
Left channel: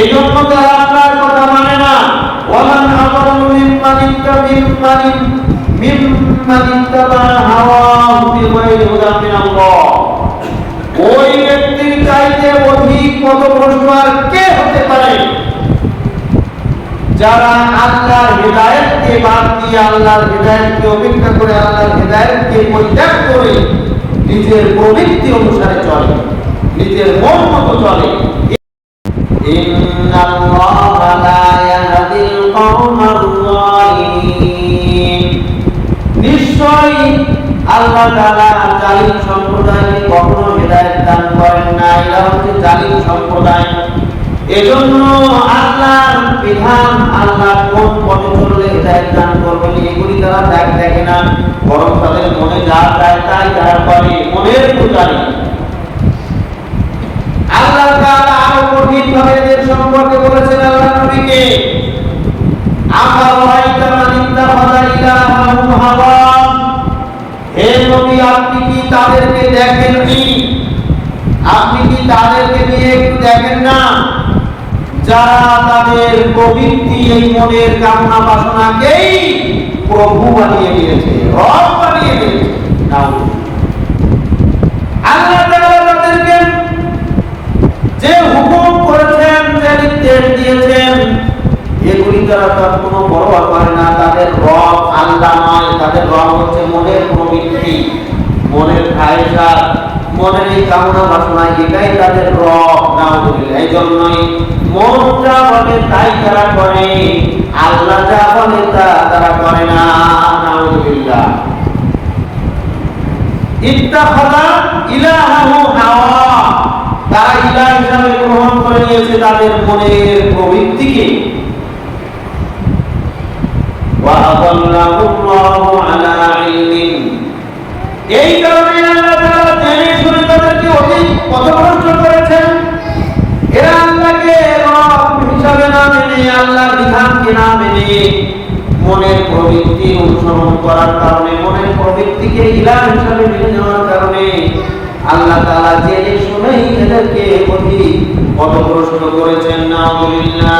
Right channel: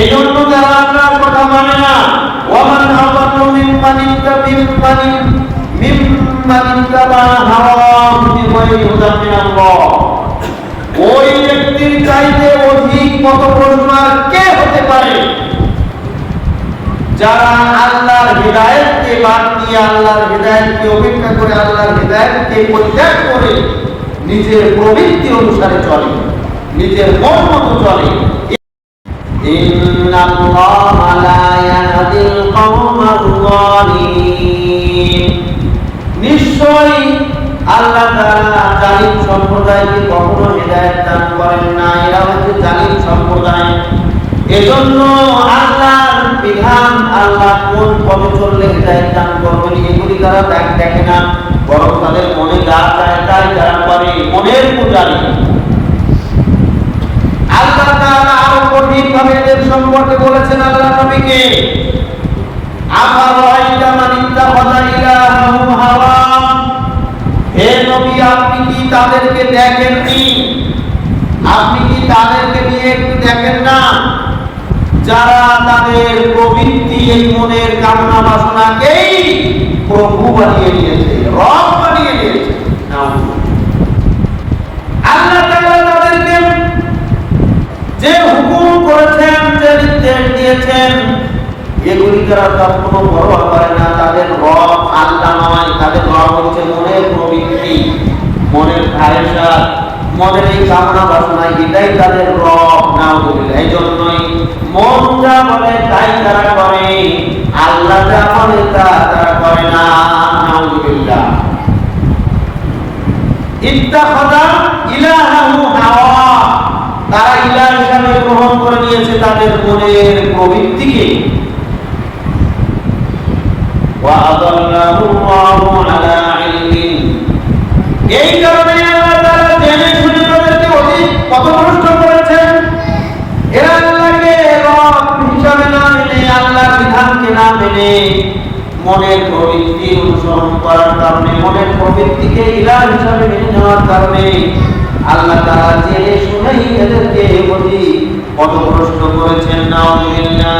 এই জন্য তারা আপনার কথা মানে না। ওয়ামান আযাল্লু মিম্মান ইত্তাবা হাওয়াহু বিগাইরি হুদান মিনাল্লাহ, ওই ব্যক্তির চাইতে অধিক পথ প্রশস্ত কে হতে পারে? যারা আল্লাহর হিদায়াতকে বাদ দিয়ে আল্লাহর হিদায়াতকে উপেক্ষা করে আল্লাহর হিদায়াতকে পরিত্যাগ করে নিজের প্রবৃত্তি অনুসারে চলে, নিজের মন মতো চলে। ইন্নাল্লাহা লা ইয়াহদিল কওমাল যালিমিন, নিশ্চয়ই আল্লাহ তাআলা জালিম সম্প্রদায়কে কখনো হিদায়াত দান করেন না। এরা হচ্ছে জালিম সম্প্রদায়। এজন্য আল্লাহর বিধান, আল্লাহ কোন পথে চললে হিদায়াত দান করবেন এগুলি তারা দেখে না, বরং তাদের মনে যা চায় তাই তারা করে, মনের পূজারি। আল্লাহ তাআলা আরো কঠিনভাবে এদের সম্পর্কে বলেছেন আল্লাহ নবীকে, আফারাআইতা মান ইত্তাখাযা ইলাহাহু হাওয়া, হে নবী আপনি কি তাদেরকে দেখেননি? আপনি কি তাদেরকে নিয়ে একটু দেখেন না, যারা তাদের প্রবৃত্তি এই মনের কামনা বাসনাকেই প্রভু বানিয়ে নিয়েছে, রব বানিয়ে নিয়েছে। আল্লাহ তাআলা তাদেরকে যে হুকুম করেছেন, যে নির্দেশ দিয়েছেন, এগুলি তারা কোনো পরোয়া করে না। তাদের রব আল্লাহ নয়, তাদের রব হচ্ছে মনের প্রবৃত্তি, মনের খায়সা, মনের এই কামনা বাসনা, এটাই তাদের রব। নাউযুবিল্লাহ। এই জন্যই মন যা বলে তাই তারা করে, আল্লাহ যা বলে তা তারা করে না। নাউযুবিল্লাহ। ইত্তাখাযা ইলাহাহু হাওয়া, তারা ইলাহ হিসেবে গ্রহণ করে নিয়েছে তাদের মনের প্রবৃত্তিকে। ওয়া আদাল্লাহুল্লাহু আলা ইলমিন, এই কারণে আল্লাহ তাআলা জেনে শুনে তাদেরকে পথভ্রষ্ট করেছেন। এরা আল্লাহকে রব হিসাবে না মেনে, আল্লাহর বিধানকে না মেনে, মনের প্রবৃত্তি অনুসরণ করার কারণে, মনের প্রবৃত্তিকে ইলাহ হিসাবে মেনে নেওয়ার কারণে আল্লাহ তাআলা জেনে শুনেই এদেরকে পথভ্রষ্ট করেছেন। নাউযুবিল্লাহ।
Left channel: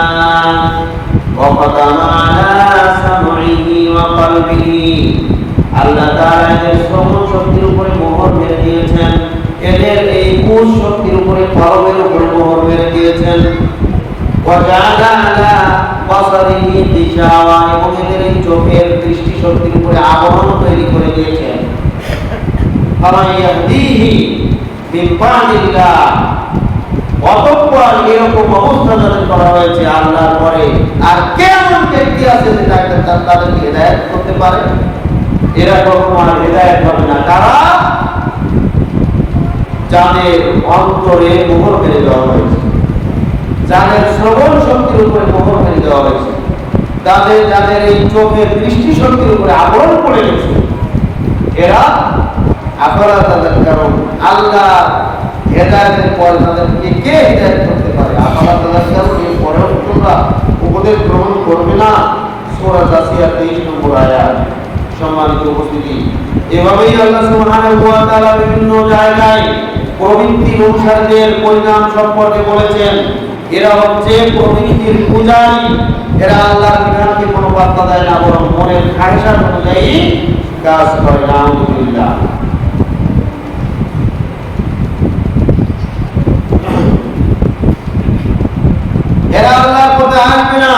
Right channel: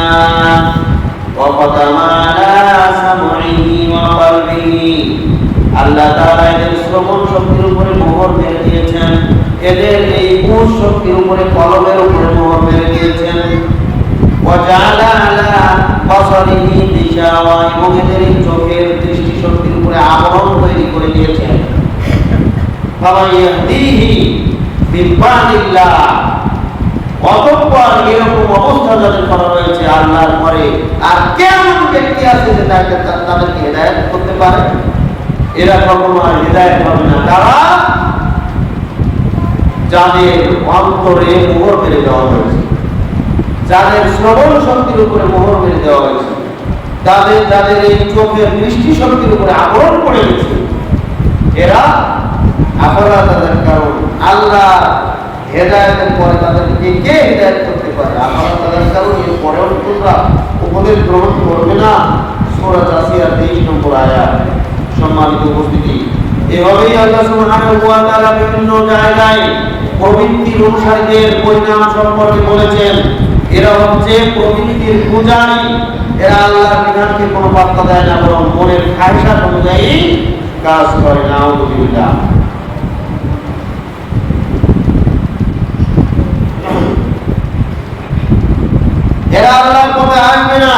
ওয়া ফাতানা আলা সামঈহি ওয়া কলবিহি, আল্লাহ তাআলা এদের শ্রবণ শক্তির উপরে মোহর মেরে দিয়েছেন, এদের এই বুঝ শক্তির উপরে, কলবের উপরে মোহর মেরে দিয়েছেন। ওয়া জাআলা আলা বাসারিহি গিশাওয়া, এবং এদের এই চোখের দৃষ্টি শক্তির উপরে আবরণ তৈরি করে দিয়েছেন। ফামা ইয়াহদিহি মিন বাদিল্লাহ, অতঃপর এরকম অবস্থা যাদের করা হয়েছে আল্লাহর পরে আর কেমন ব্যক্তি আছে যে তাদেরকে হিদায়াত করতে পারে? এরা কখনো আর হিদায়াত হবে না। তারা যাদের অন্তরে মোহর মেরে দেওয়া হয়েছে, যাদের শ্রবণ শক্তির উপরে মোহর মেরে দেওয়া হয়েছে, যাদের এই চোখের দৃষ্টি শক্তির উপরে আবরণ পড়ে গেছে, এরা আফালা তাযাক্কারুন, আল্লাহ হেদায়েতের পরে তাদেরকে কে হেদায়েত করতে পারে? আফালা তাযাক্কারুন, এর পরেও তোমরা উপদেশ গ্রহণ করবে না। সূরা জাসিয়া 23 নম্বর আয়াত। সম্মানিত উপস্থিতি, এভাবেই আল্লাহ সুবহানাহু ওয়া তাআলা বিভিন্ন জায়গায় প্রবৃত্তির অনুসারীদের পরিণাম সম্পর্কে বলেছেন। এরা হচ্ছে প্রবৃত্তির পূজারী, এরা আল্লাহর বিধানকে কোনো পাত্তা দেয় না, বরং মনের খায়সা অনুযায়ী কাজ করে। নাউযুবিল্লাহ। এরা আল্লাহর পথে আসবে না।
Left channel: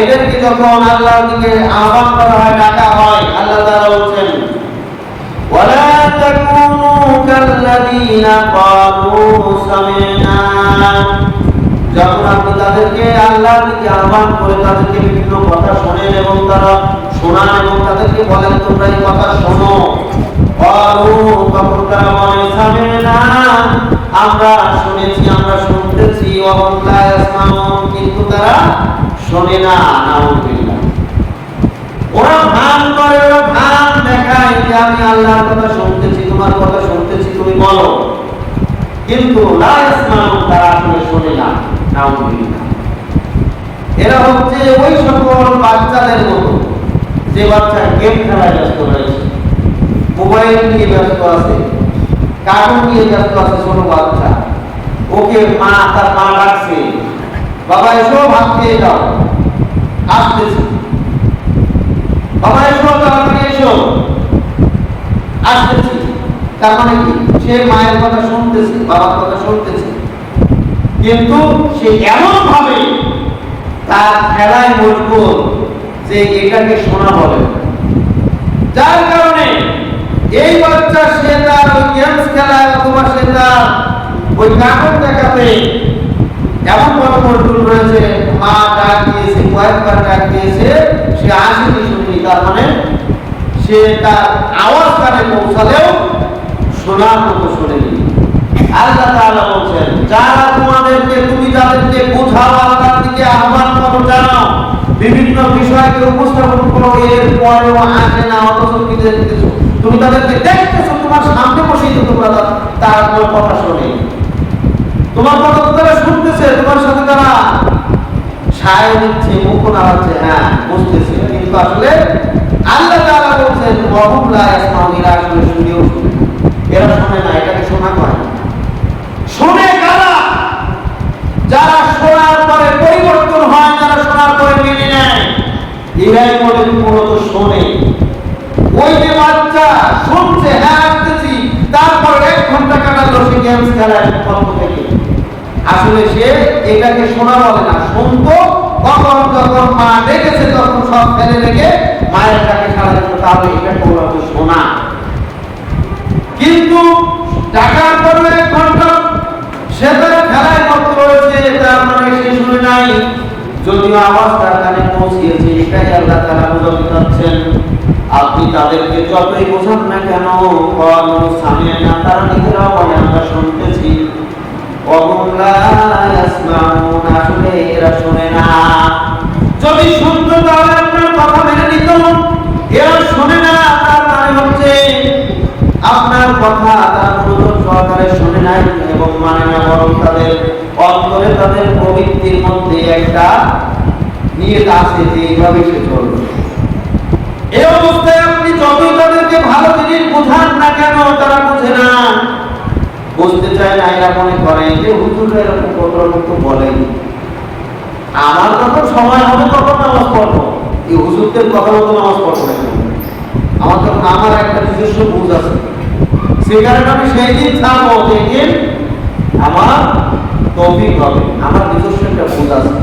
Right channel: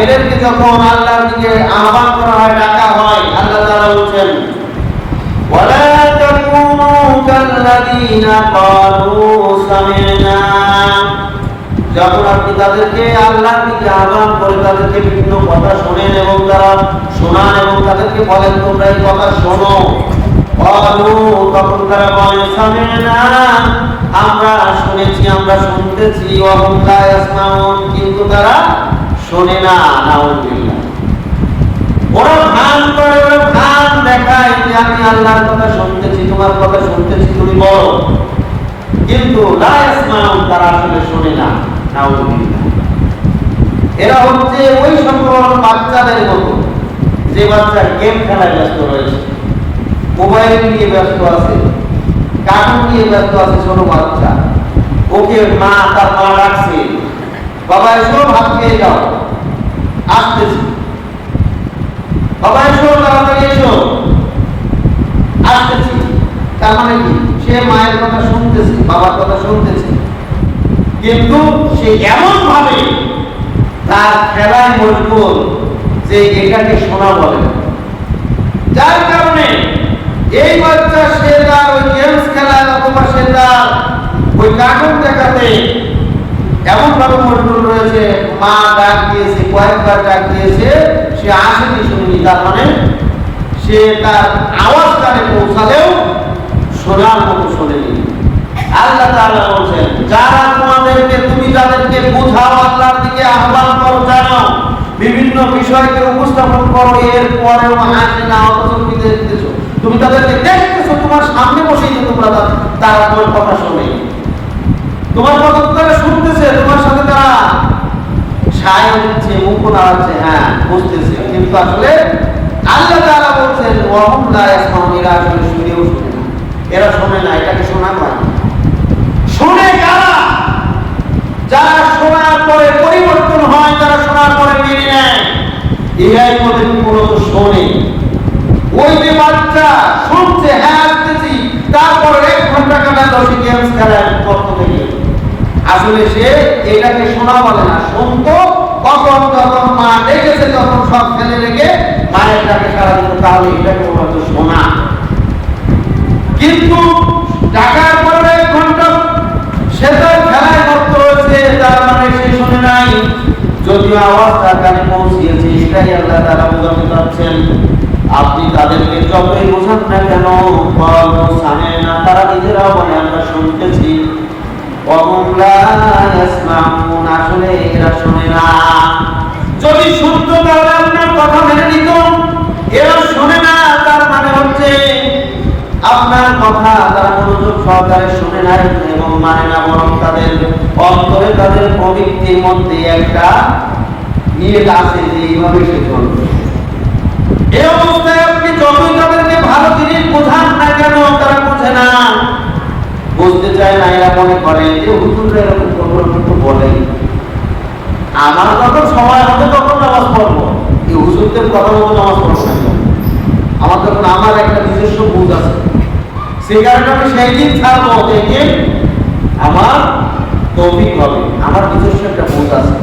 এদেরকে যখন আল্লাহর দিকে আহ্বান করা হয়, ডাকা হয়, আল্লাহ তাআলা বলেন, ওয়ালা তাকুনু কাল্লাযীনা ক্বালু সামি'না, যখন আপনি তাদেরকে আল্লাহর দিকে আহ্বান করে তাদেরকে বিভিন্ন কথা শোনেন এবং তারা শোনান এবং তাদেরকে বলেন তোমরা এই কথা শোনো, ক্বালু, তখন তারা বলে সামি'না, আমরা শুনেছি, আমরা শুনতেছি, ওয়া হুম লা ইয়াসমাউন, কিন্তু তারা শোনে না। নাউযুবিল্লাহ। ওরা ভান করে, ওরা ভান দেখায় যে আমি আল্লাহর কথা শুনতেছি, তোমার কথা শুনতেছি, তুমি বলো, কিন্তু লা ইয়াসমাউন, তারা আসলে শোনে না। নাউযুবিল্লাহ। এরা হচ্ছে ওই সকল বাচ্চাদের মতো যে বাচ্চা গেম খেলায় ব্যস্ত রয়েছে, মোবাইল নিয়ে ব্যস্ত আছে, কার্টুন নিয়ে ব্যস্ত আছে। ছোট বাচ্চা, ওকে তার মা ডাকছে, বাবা এসো ভাত খেয়ে যাও, আসতেছি, বাবা এসো তাড়াতাড়ি এসো, আসতেছি। তার মানে কি? সে মায়ের কথা শুনতে শুনতেছি, বাবার কথা শুনতেছি, কিন্তু সে এমন ভাবে তার খেলায় মশগুল যে এটাকে শোনা বলে, যার কারণে এই বাচ্চা সে তার ওই গেমস খেলায় অথবা সে তার ওই কার্টুন দেখাতে এমন ভাবে মশগুল রয়েছে, মা ডাক দিয়েছে, কয়েকবার ডাক দিয়েছে, সে আসেনি, শুনিনি। তার মানে সে তার আওয়াজ কানে পৌঁছালেও শোনার মতো শোনেনি। আল্লাহ তাআলা বলছেন, যারা তোমাদেরকে, তুমি যাদেরকে বোঝাও, আল্লাহর দিকে আহ্বান করো, জানাও, বিভিন্ন বিষয়কে উপস্থাপন করো, এর পরেও আসে না, অথচ তুমি তাদেরকে দেখতেছো, তোমার সামনে বসেই তো তারা তোমার কথা শোনে, তোমার কথা তারা শুনতেছে, তোমার সাথে তারা সায় দিচ্ছে, মুখ নাড়াচ্ছে, হ্যাঁ বুঝতেছে, কিন্তু আসলে আল্লাহ তাআলা বলছেন ওয়াহুম লা ইয়াসমাউন, এরা আসলে শুনেও শুনে না। এরা শুনে না, এটাকে শোনা হয়। শুনে কারা? যারা শোনার পরে পরিবর্তন হয়, যারা শোনার পরে মেনে নেয়, এরাই মূলত শোনে। ওই যে বাচ্চা শুনছে, হ্যাঁ আসতেছি, তারপর 1 ঘন্টা কাটালো সে গেমস খেলার পক্ষ থেকে, আসলে সে এটাকে শোনা বলে না। শুনতো যখন মা ডেকেছে, তখন সব ফেলে রেখে মায়ের ডাকে সাড়া দিত, তাহলে এটাকে বলা শোনা। কিন্তু ডাকার পর 1 ঘন্টা সে তার খেলায় মত্ত হয়েছে, তার মানে সে শুনে নাই, যদিও আওয়াজ তার কানে পৌঁছিয়েছে। এটাই আল্লাহ তাআলা বোঝাতে চাচ্ছেন, আপনি তাদেরকে যতই বোঝান না কেন, সামি'না, তারা নিজেরাও বলে আমরা শুনতেছি, ওয়াহুম লা ইয়াসমাউন, আসলে এরা শুনে না। যদি শুনতো তাহলে আপনার কথা মেনে নিত, এরা শুনে না, তার মানে হচ্ছে আপনার কথা তারা মনোযোগ সহকারে শুনে নাই এবং মানে না, বরং তাদের অন্তরে, তাদের প্রবৃত্তির মধ্যে একটা নিয়ত আছে যে এইভাবে সে চলবে। এই অবস্থায় আপনি যতই তাদেরকে ভালো জিনিস বোঝান না কেন, তারা বুঝে না, বুঝতে চায় না। এরা মনে করে যে হুজুররা এরকম প্রকল্প বলেই, আমার যখন সময় হবে তখন নামাজ পড়বো, এই হুজুরদের কথা মতো নামাজ পড়বো না। আমার তখন আমার একটা নিজস্ব বুঝ আছে, সেই কারণে আমি সেই দিন ছাড়বো দেখে আমার তৌফিক হবে, আমার নিজস্ব একটা বুঝ আছে,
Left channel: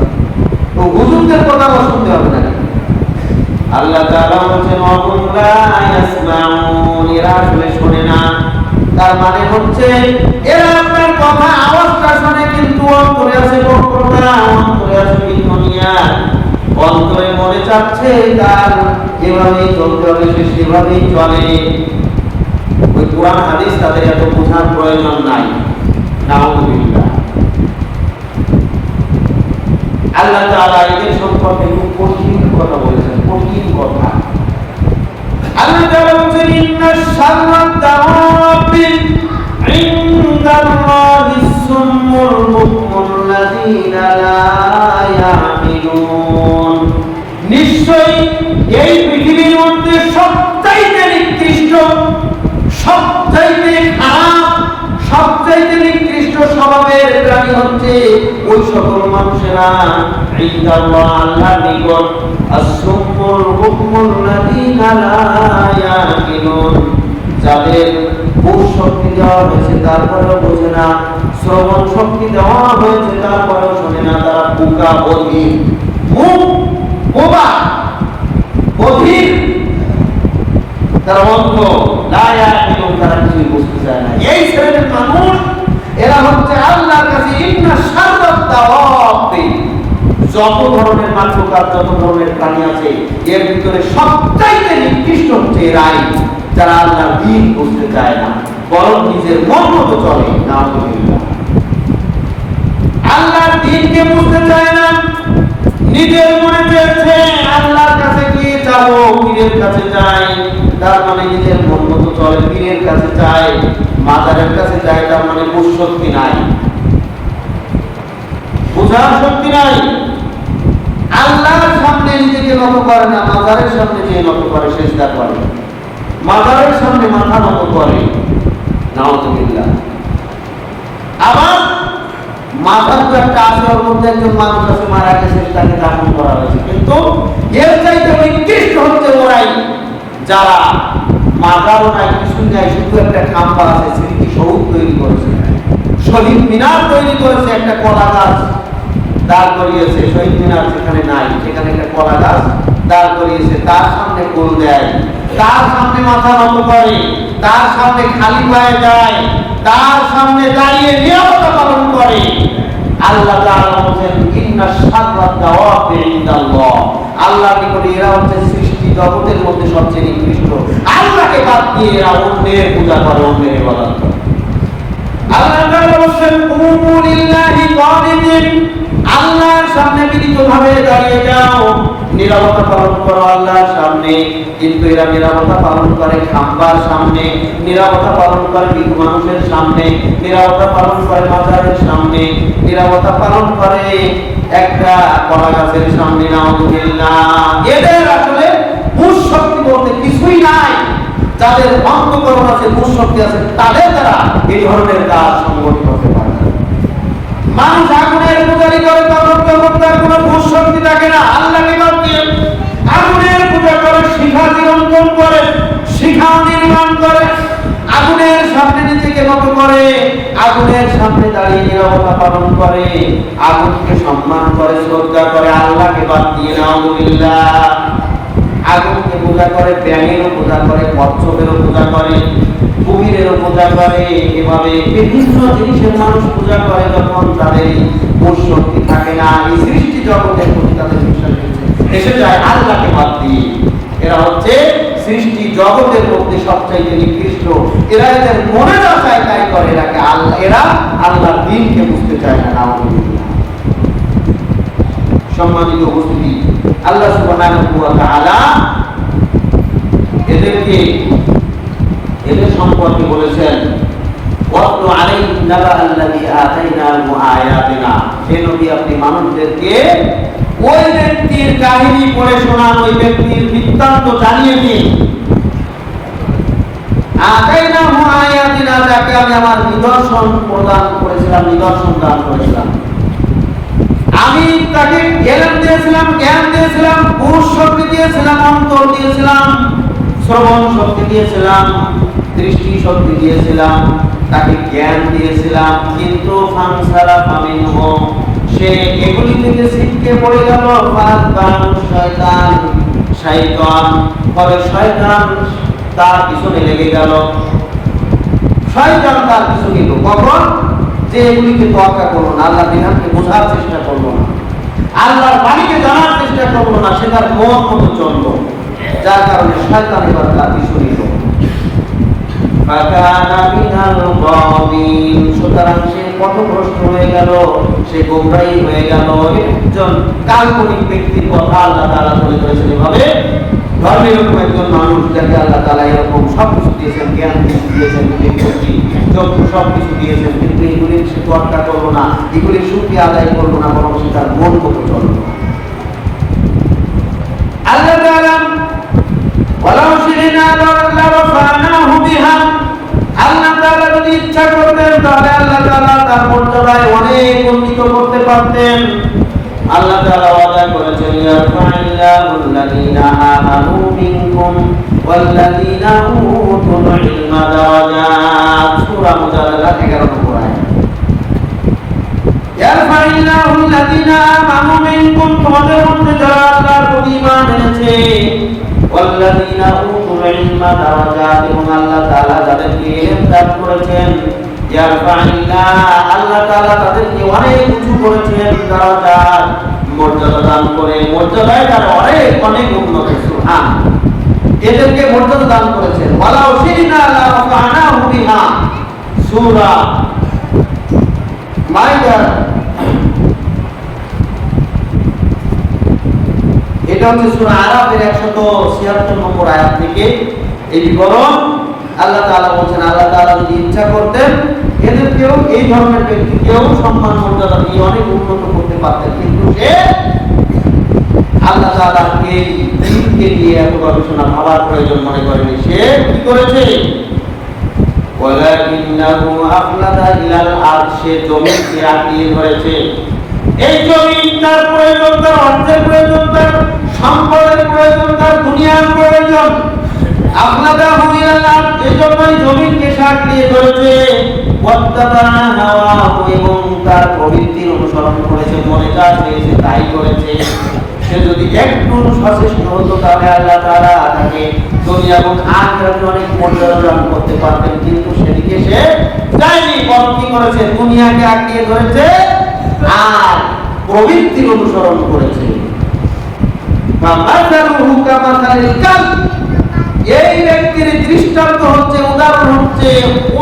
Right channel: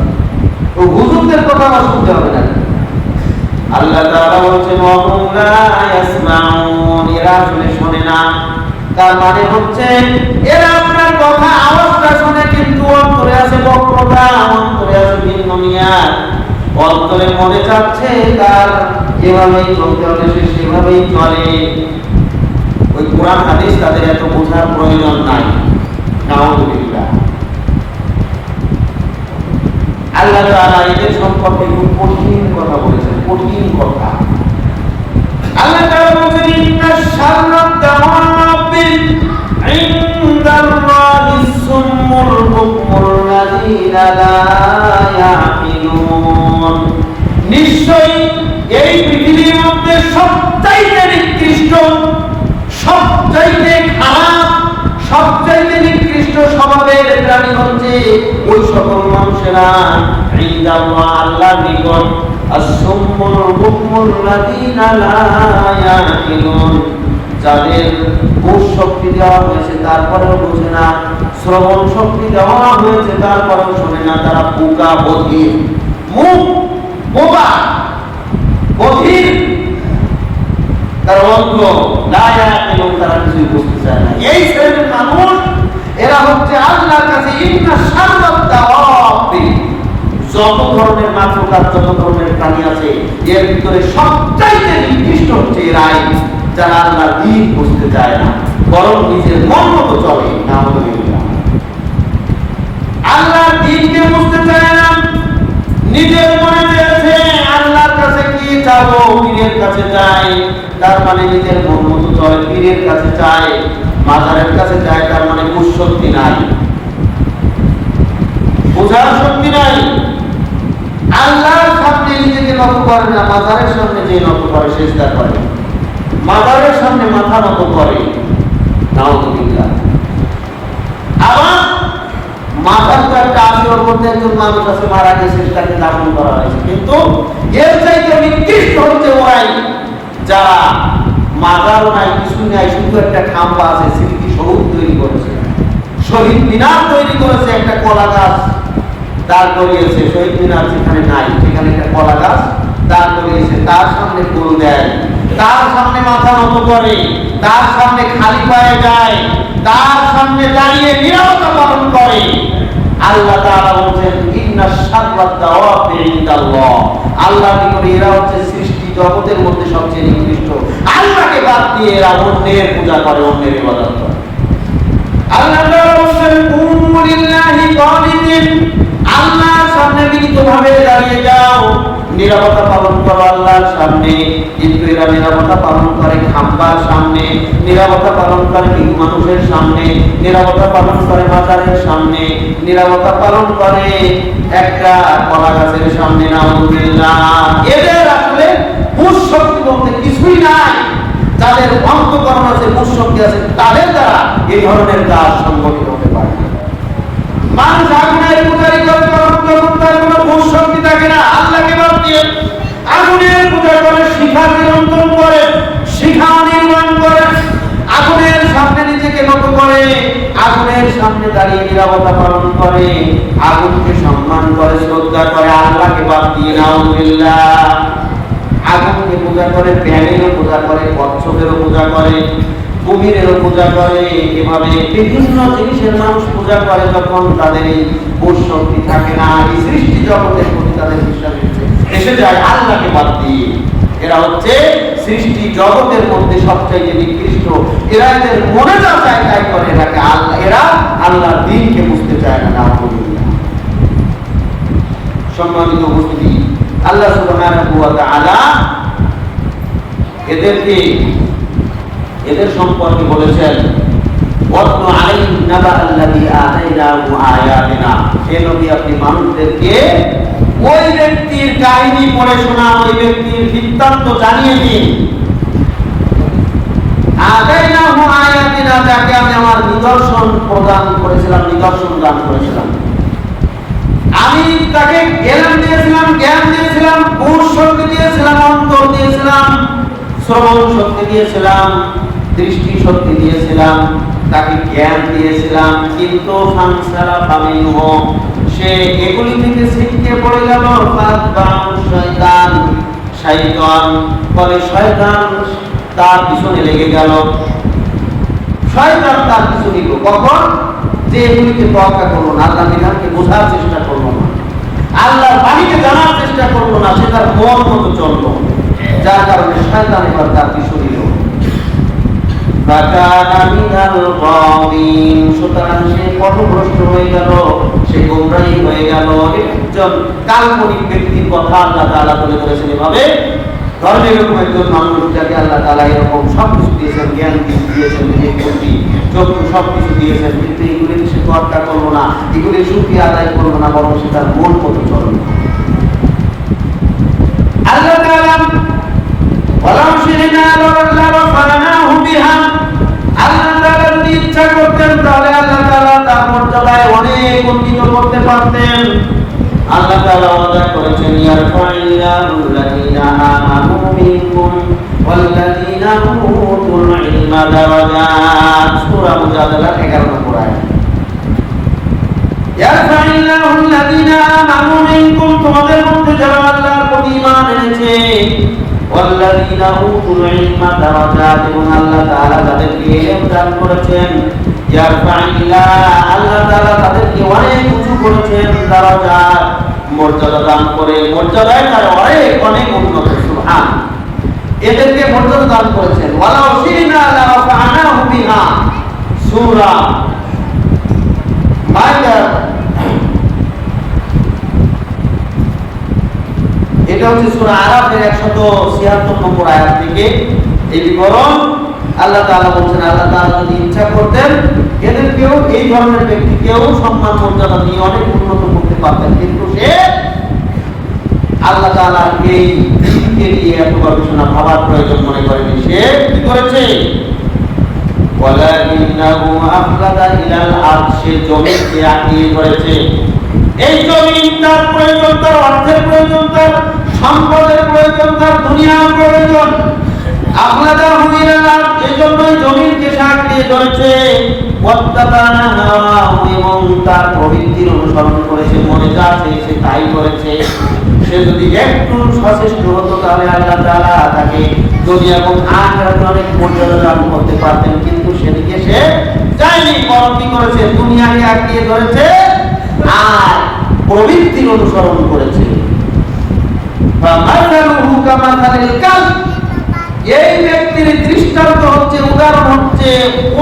ও হুজুরদের কথা আমার শুনতে হবে না। আল্লাহ তাআলা বলেন ওয়াহুম লা ইয়াসমাউন, এরা আসলে শোনে না। তার মানে হচ্ছে এরা আপনার কথা আওয়াজটা শুনে, কিন্তু অন্তরে আছে বক্রতা, অন্তরে আছে ভিন্ন নিয়াত, অন্তরে মনে চাচ্ছে তার এভাবেই চলতে হবে, সে সেভাবেই চলে। ওই কোরআন হাদিস তাদের এত বোঝার প্রয়োজন নাই। নাউযুবিল্লাহ। আল্লাহ তাআলা এদের সম্পর্কে একটু কঠিন কথা বলেছেন, কঠিন কথা। আল্লাহ তাআলা বলেন ইন্নাশ শাররাদ দাওয়াবি ইনদাল্লাহিস সুম্মুল বুকমুল্লাযীনা লা ইয়াকিলুন, নিশ্চয়ই এই পৃথিবীর মধ্যে সবচাইতে নিকৃষ্ট, সবচাইতে খারাপ, সবচাইতে নিকৃষ্ট স্বভাবের প্রাণী হচ্ছে ওই সকল মানুষেরা ইনদাল্লাহ, আল্লাহর নিকট, আসুম্মুল বুকমুল্লাযীনা লা ইয়াকিলুন, যাদের বুঝ শক্তি দেওয়া হয়েছে তারপরেও বোঝে না, শ্রবণ শক্তি দেওয়া হয়েছে তারপরেও শোনে না, তারা বোকা, বধির, মুখ বোবা, বধির, তারা অন্ধ, লা ইয়াকিলুন, তারা কিছুই বুঝতে চায় না। এই শ্রেণীর মানুষ এরা হচ্ছে আল্লাহর কাছে ইন্নাশ শাররাদ দাওয়াবি, যত ধরনের মাখলুকাত, যত ধরনের প্রাণী আছে, এর ভিতরে সবচাইতে নিকৃষ্ট হচ্ছে এরাই, যারা আল্লাহর দ্বীন বুঝতে চায় না, বরং নিজের মন মতো চলে। নাউযুবিল্লাহ। আল্লাহর দ্বীনকে বুঝতে চায় না, নিজের মনে চেয়েছে আল্লাহর কাছে গিয়ে যাবো, পীরের কাছে যাই, তার মানে নিজের মন মতো চলে, পীরের কাছে যায়, মাজারের কাছে যায়, তার মানে বুঝ শক্তি নাই, বোঝার শক্তি নাই। আল্লাহর সামনে নিজেকে নত করে না, মাজারের সামনে যে নত করে, সেজদা করে, মাজারের সামনে মাথা নত করে। নাউযুবিল্লাহ। আবার মাথার তো একটা আসর করতে একজন মানুষ আছে, মারা গেছে, তাকে দাফন করা হয়েছে, কিন্তু এর চাইতে নিকৃষ্ট হচ্ছে ওরাই যারা মাজারও নাই, কিছুই নাই, শুধু একটা খাম্বা আছে, স্মৃতি সৌধ তৈরি করেছে, শহীদ মিনার তৈরি করেছে, একটা কলা গাছ দাঁড় করিয়েছে। শহীদ মিনার যেখানে নাই সেখানে একটা কলা গাছ দাঁড় করিয়েছে, তার সামনে কোল দেয়, তার সামনে মাথা নত করে, তার সামনে খালি পায়ে যায়, তার সামনে দাঁড়িয়ে নিরাপত্তা পালন করে। আল্লাহ তাআলা বলেন ইন্না শাররাদ দাওয়াবি ইনদাল্লাহ, আল্লাহর নিকটে এরা হচ্ছে সৃষ্টি জগতের মধ্যে সবচেয়ে নিকৃষ্ট। আল্লাহকে বাদ দিয়ে এরা অন্যের পূজা করে, অন্যের ইবাদত করে। আল্লাহ তাআলা বলেন কুমু লিল্লাহি কানিতিন, আল্লাহর সামনে বিনীতভাবে দাঁড়িয়ে যাও, নিরাপত্তা পালন করো আল্লাহর সামনে। কিন্তু এরা নিরাপত্তা পালন করে খাম্বার সামনে, নিরাপত্তা পালন করে মানুষের সামনে, নিরাপত্তা পালন করে বাজারের সামনে, নিরাপত্তা পালন করে একটা কলা গাছের সামনে। নাউযুবিল্লাহ, এদের আসলে মূল শক্তি বলতে কিছুই নাই। যাদের অন্তঃকরণ আছে, মূল শক্তি আছে, তাদের দ্বারা এই ধরনের কাজ সংগঠিত হতে পারে। মানুষ আগুনের পূজারি করে, তখন তার কোনো মূল শক্তি থাকে না। আল্লাহকে বাদ দিয়ে আগুনের পূজা করে, শিখা নিরন্তন করে, শিখা নির্মাণ করে, আগুনের সামনে নিজেকে নত করে, আগুনের সামনে দাঁড়িয়ে নিরাপত্তা পালন করে, আগুনকে সম্মান করে, শ্রদ্ধা করে, আল্লাহকে বাদ দিয়ে। নাউযুবিল্লাহ, আগুনকে পূজা করে, ব্যাঙেরও পূজা করে, কচ্ছপেরও পূজা করে, কুমিরেরও পূজা করে। এভাবে বিভিন্ন জিনিসের মানুষ পূজা করে যখন তাদের এই শক্তি থাকে না, এই সৃষ্টি জগতের প্রতি তাদের বিশ্বাস এসে যায় আল্লাহকে বাদ দিয়ে। এরা হচ্ছে সৃষ্টি জগতের মধ্যে সবচাইতে নিকৃষ্ট। এরা এদের মনে যা চায় তাই করে, এরা আল্লাহর দ্বীনকে বুঝতে চায় না। সম্মানিত উপস্থিতি, আল্লাহ সুবহানাহু ওয়া তাআলা এদের সম্পর্কে বলেছেন ওয়াতলু আলাইহিম নাবা আল্লাযী আতাইনাহু আয়াতিনা, হে নবী আপনি মানুষদেরকে ওই ব্যক্তির কাহিনী পড়ে শোনান, ওই ব্যক্তির বৃত্তান্ত জানিয়ে দিন। আতাইনাহু আয়াতিনা, যাকে আমি আমার নিদর্শন প্রদান করেছিলাম, নিদর্শন দান করেছিলাম। আমি তাকে জ্ঞান দিয়েছিলাম, বুঝ শক্তি দিয়েছিলাম, অন্তর দিয়েছিলাম, শ্রবণ শক্তি দিয়েছিলাম, দৃষ্টি শক্তি দিয়েছিলাম, তাকে জ্ঞান দিয়েছিলাম। কিন্তু ফানসারাফা মিনহু, সে এগুলি থেকে ছিটকে পড়ে গেল। ফলে শয়তান তার পিছনে লেগে গেল। শয়তান তার পিছু নিল কখন? যে এগুলিকে তোয়াক্কা করলো না, আল্লাহ বিধানকে বোঝার চেষ্টা করলো না, আল্লাহর বাণীকে জানার চেষ্টা করলো না, সে তার মন মতো চললো, যার কারণে শয়তান এবার তার পিছু নিল। সুতরাং সে পথভ্রষ্ট হয়ে গেল, সে গোমরাহী হয়ে গেল। একজন কাল্পনিক ব্যক্তির কথা আল্লাহ তাআলা বলে করেছেন এভাবে। ধর্ম এরকম একজন মানুষ যাকে আল্লাহ তাআলা এরকম সব কিছু দিয়েছেন, জ্ঞান দিয়েছেন, বিবেক বুদ্ধি, চক্ষু সব কিছু দিয়েছেন, কিন্তু এগুলি সে তোয়াক্কা করলো না, এগুলি শুকরিয়া আদায় করলো না, বরং সে তার মন মতো চলল। আল্লাহ তাআলা ওয়ালাউ শিরনা লারাফানাহু বিহা, আল্লাহ তাআলা যদি ইচ্ছা করতেন তাহলে আল্লাহ তাআলা তার মর্যাদায় অনেক উন্নীত করতে পারতেন। আল্লাহ তাআলা ওয়াদা করেছেন ইয়ারফাইল্লাহুল্লাযীনা আমানু মিনকুম ওয়াল্লাযীনা উতুল ইলমা দারাজাত, সূরা মুজাদালা 11 নম্বর আয়াত। ইয়ারফাইল্লাহুল্লাযীনা আমানু মিনকুম, তোমাদের মধ্যে যারা আল্লাহর প্রতি ঈমান এনেছে, ওয়াল্লাযীনা উতুল ইলমা দারাজাত, এবং আল্লাহ তাআলা তাদেরকে ইলম দান করেছেন। ইয়ারফাইল্লাহ, আল্লাহ তাআলা তাদেরকে অনেক উঁচু করেছেন, দারাজাত মর্যাদা দান করে, মর্যাদায় তারা অনেক উন্নত। সুবহান, এদেরকে মর্যাদা দান করেছেন। ওয়ালাউ শিরনা লারাফানাহু বিহা, সূরা মাইদা, এটা হচ্ছে সূরা আরাফের 176 নম্বর আয়াত থেকে এই বিবরণ। আল্লাহ তাআলা বলেন আল্লাহ তাআলা যদি ইচ্ছা করতেন এদেরকেও, এই ধরনের ব্যক্তিকেও সম্মান মর্যাদা দিয়ে অনেক উন্নত করতে পারতেন, কিন্তু সে আল্লাহ তাআলা এই দিনকে নিয়ে এত গবেষণা ভাবার প্রয়োজন মনে করেনি। সে কি করেছে? ওয়ালাকিন্নাহু আফলাদা ইলাল আরদ, সে জমিকে আঁকড়িয়ে ধরেছে। এই জমিন তার প্রয়োজন, তার অর্থের প্রয়োজন, তার সম্পদের প্রয়োজন, তার দুনিয়ার প্রয়োজন। আফলাদাহু ইলাল আরদ, এই জন্যই জমিনকে আঁকড়িয়ে ধরেছে। ওয়াত্তাবা'a হাওয়া, যা চেয়েছে তাই করেছে। সে যদি একটু সচেষ্ট হতো তাহলে আল্লাহ তাআলা তাকে দুনিয়া এবং আখিরাতে অনেক মর্যাদা দান করতে পারতেন, কিন্তু সেদিকে সে যায়নি। বরং কি করেছে? দুনিয়াকে আঁকড়িয়ে ধরেছে আর প্রবৃত্তির অনুসরণ করেছে। ফামাসালুহু কামাসালিল কালব, এই ব্যক্তির দৃষ্টান্ত হচ্ছে, উদাহরণ হচ্ছে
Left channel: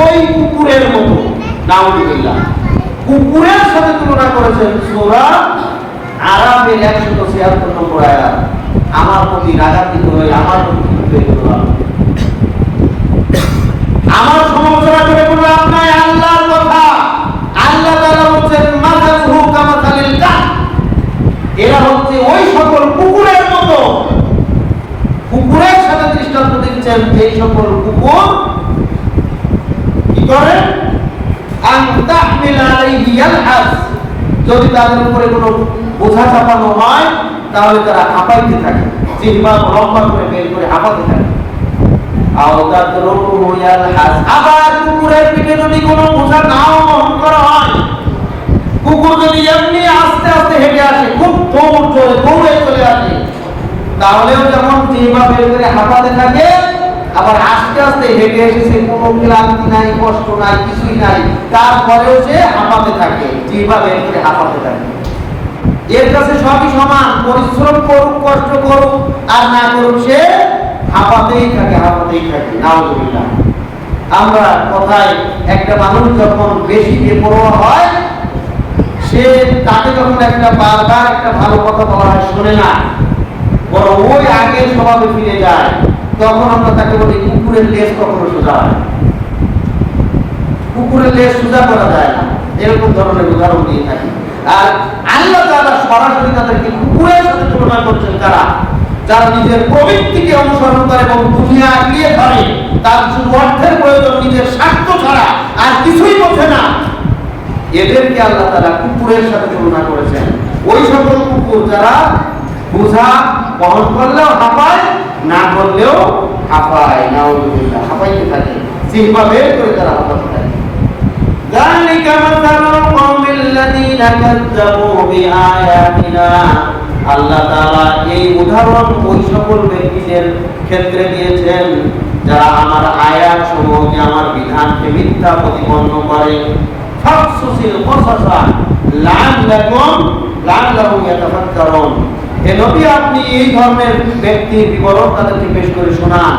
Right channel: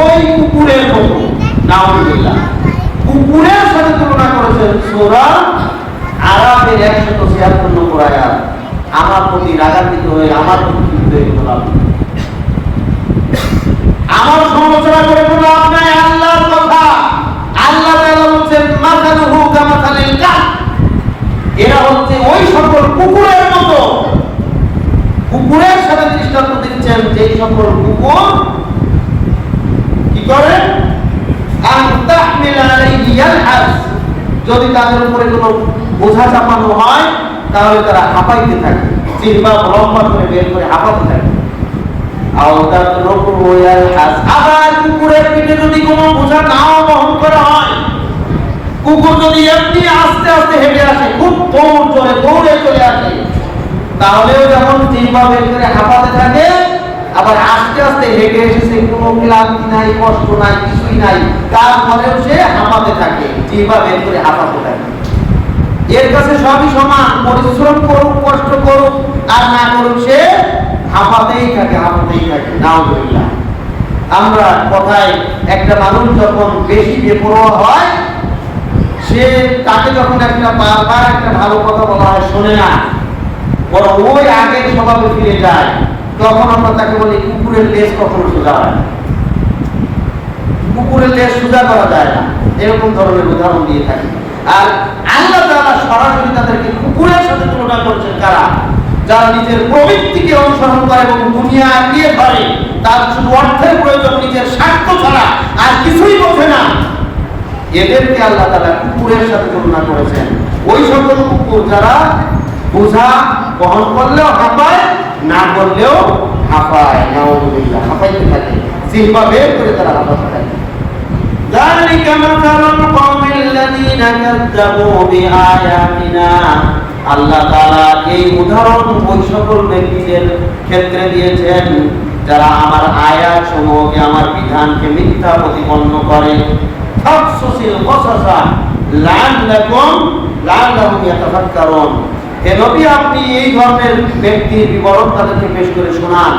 ওই কুকুরের মতো। নাউযুবিল্লাহ, কুকুরের সাথে তুলনা করেছেন সূরা আরাফের 176 নম্বর আয়াত। আমার প্রতি রাগান্বিত হয়ে আমার প্রতি ক্ষিপ্ত হয়ে বললাম, আমার সমালোচনা করে কোনো লাভ নাই। আল্লাহর কথা, আল্লাহ তাআলা বলেন মাসালুহু কামাসালিল কালব, এরা হচ্ছে ওই সকল কুকুরের মতো। কুকুরের সাথে দৃষ্টান্ত দিচ্ছেন যেই সকল কুকুর কি করে? আন তাহমিলা আলাইহি ইয়ালহাস, যদি তাদের উপরে কোনো বোঝা চাপানো হয় তাহলে তারা হাঁপাইতে থাকে, জিহ্বা লম্বা করে বের করে হাঁপাতে থাকে। আওতাত রুকু ইয়ালহাস, আবার কুকুরের পিঠে যদি কোনো বোঝা নাও বহন করা হয়, কুকুর যদি এমনি আস্তে আস্তে হেঁটে আসে, খুব দৌড়ে চলে আসে, তাহলেও যেমন জিহ্বা বের করে হাঁপাতে থাকে, আবার আস্তে আস্তে হেঁটে এসেছে, কোনো ক্লান্তি নাই, কষ্ট নাই, কিছুই নাই, তারপরেও সে হাঁপাতে থাকে, জিহ্বা বের করে হাঁপাতে থাকে। এর কাছে সবই সমান, পরিশ্রম করুক, কষ্ট করুক আর না করুক, সে হাঁপাতেই থাকে, হাঁপাতেই থাকে। নাউযুবিল্লাহ। আমরা কথায় একটা মানুষ যখন বেশি বেপরোয়া হয়, সে তাকে যখন বারবার একটা ভালো কথা বলা হয় শোনে না, বরং ওই আগের স্বভাবে ফিরে যায়, তখন আমরা তাকে বলি কুকুরের লেজ কখনো সোজা হয় না। কুকুরের লেজ সোজা করা যায় না, এরকম ধরনের উদাহরণ দিয়ে থাকি। আর আল্লাহ তাআলা সরাসরি তাদেরকে কুকুরের সাথে তুলনা করছেন কারা? যারা নিজের প্রবৃত্তিকে অনুসরণ করে এবং দুনিয়া আঁকড়িয়ে ধরে, তার শুধু অর্থের প্রয়োজন, নিজের স্বার্থ ছাড়া আর কিছুই বোঝে না। এদেরকে আল্লাহ তাআলা কুকুরের সাথে তুলনা করেছেন। ওই সকল কুকুর যারা বোঝা বহন করলেও হাঁপায়, না করলেও হাঁপায়। নাউযুবিল্লাহ, হাঁপাইতে থাকে, জিহ্বা বের করে তারা হাঁপাতে থাকে। যালিকা মাসালুল কওমিল্লাযীনা কাযযাবু বিআয়াতিনা, আল্লাহ তাআলা এই উদাহরণ ওই সকল ব্যক্তিদের ক্ষেত্রে দিয়েছেন যারা আমার আয়াত সমূহকে, আমার বিধানকে মিথ্যা প্রতিপন্ন করে। ফাকসুসিল কসাসা লাআল্লাহুম ইয়াতাফাক্কারুন, হে নবী আপনি এই ধরনের ব্যক্তির বিবরণ তাদেরকে পেশ করে শোনান,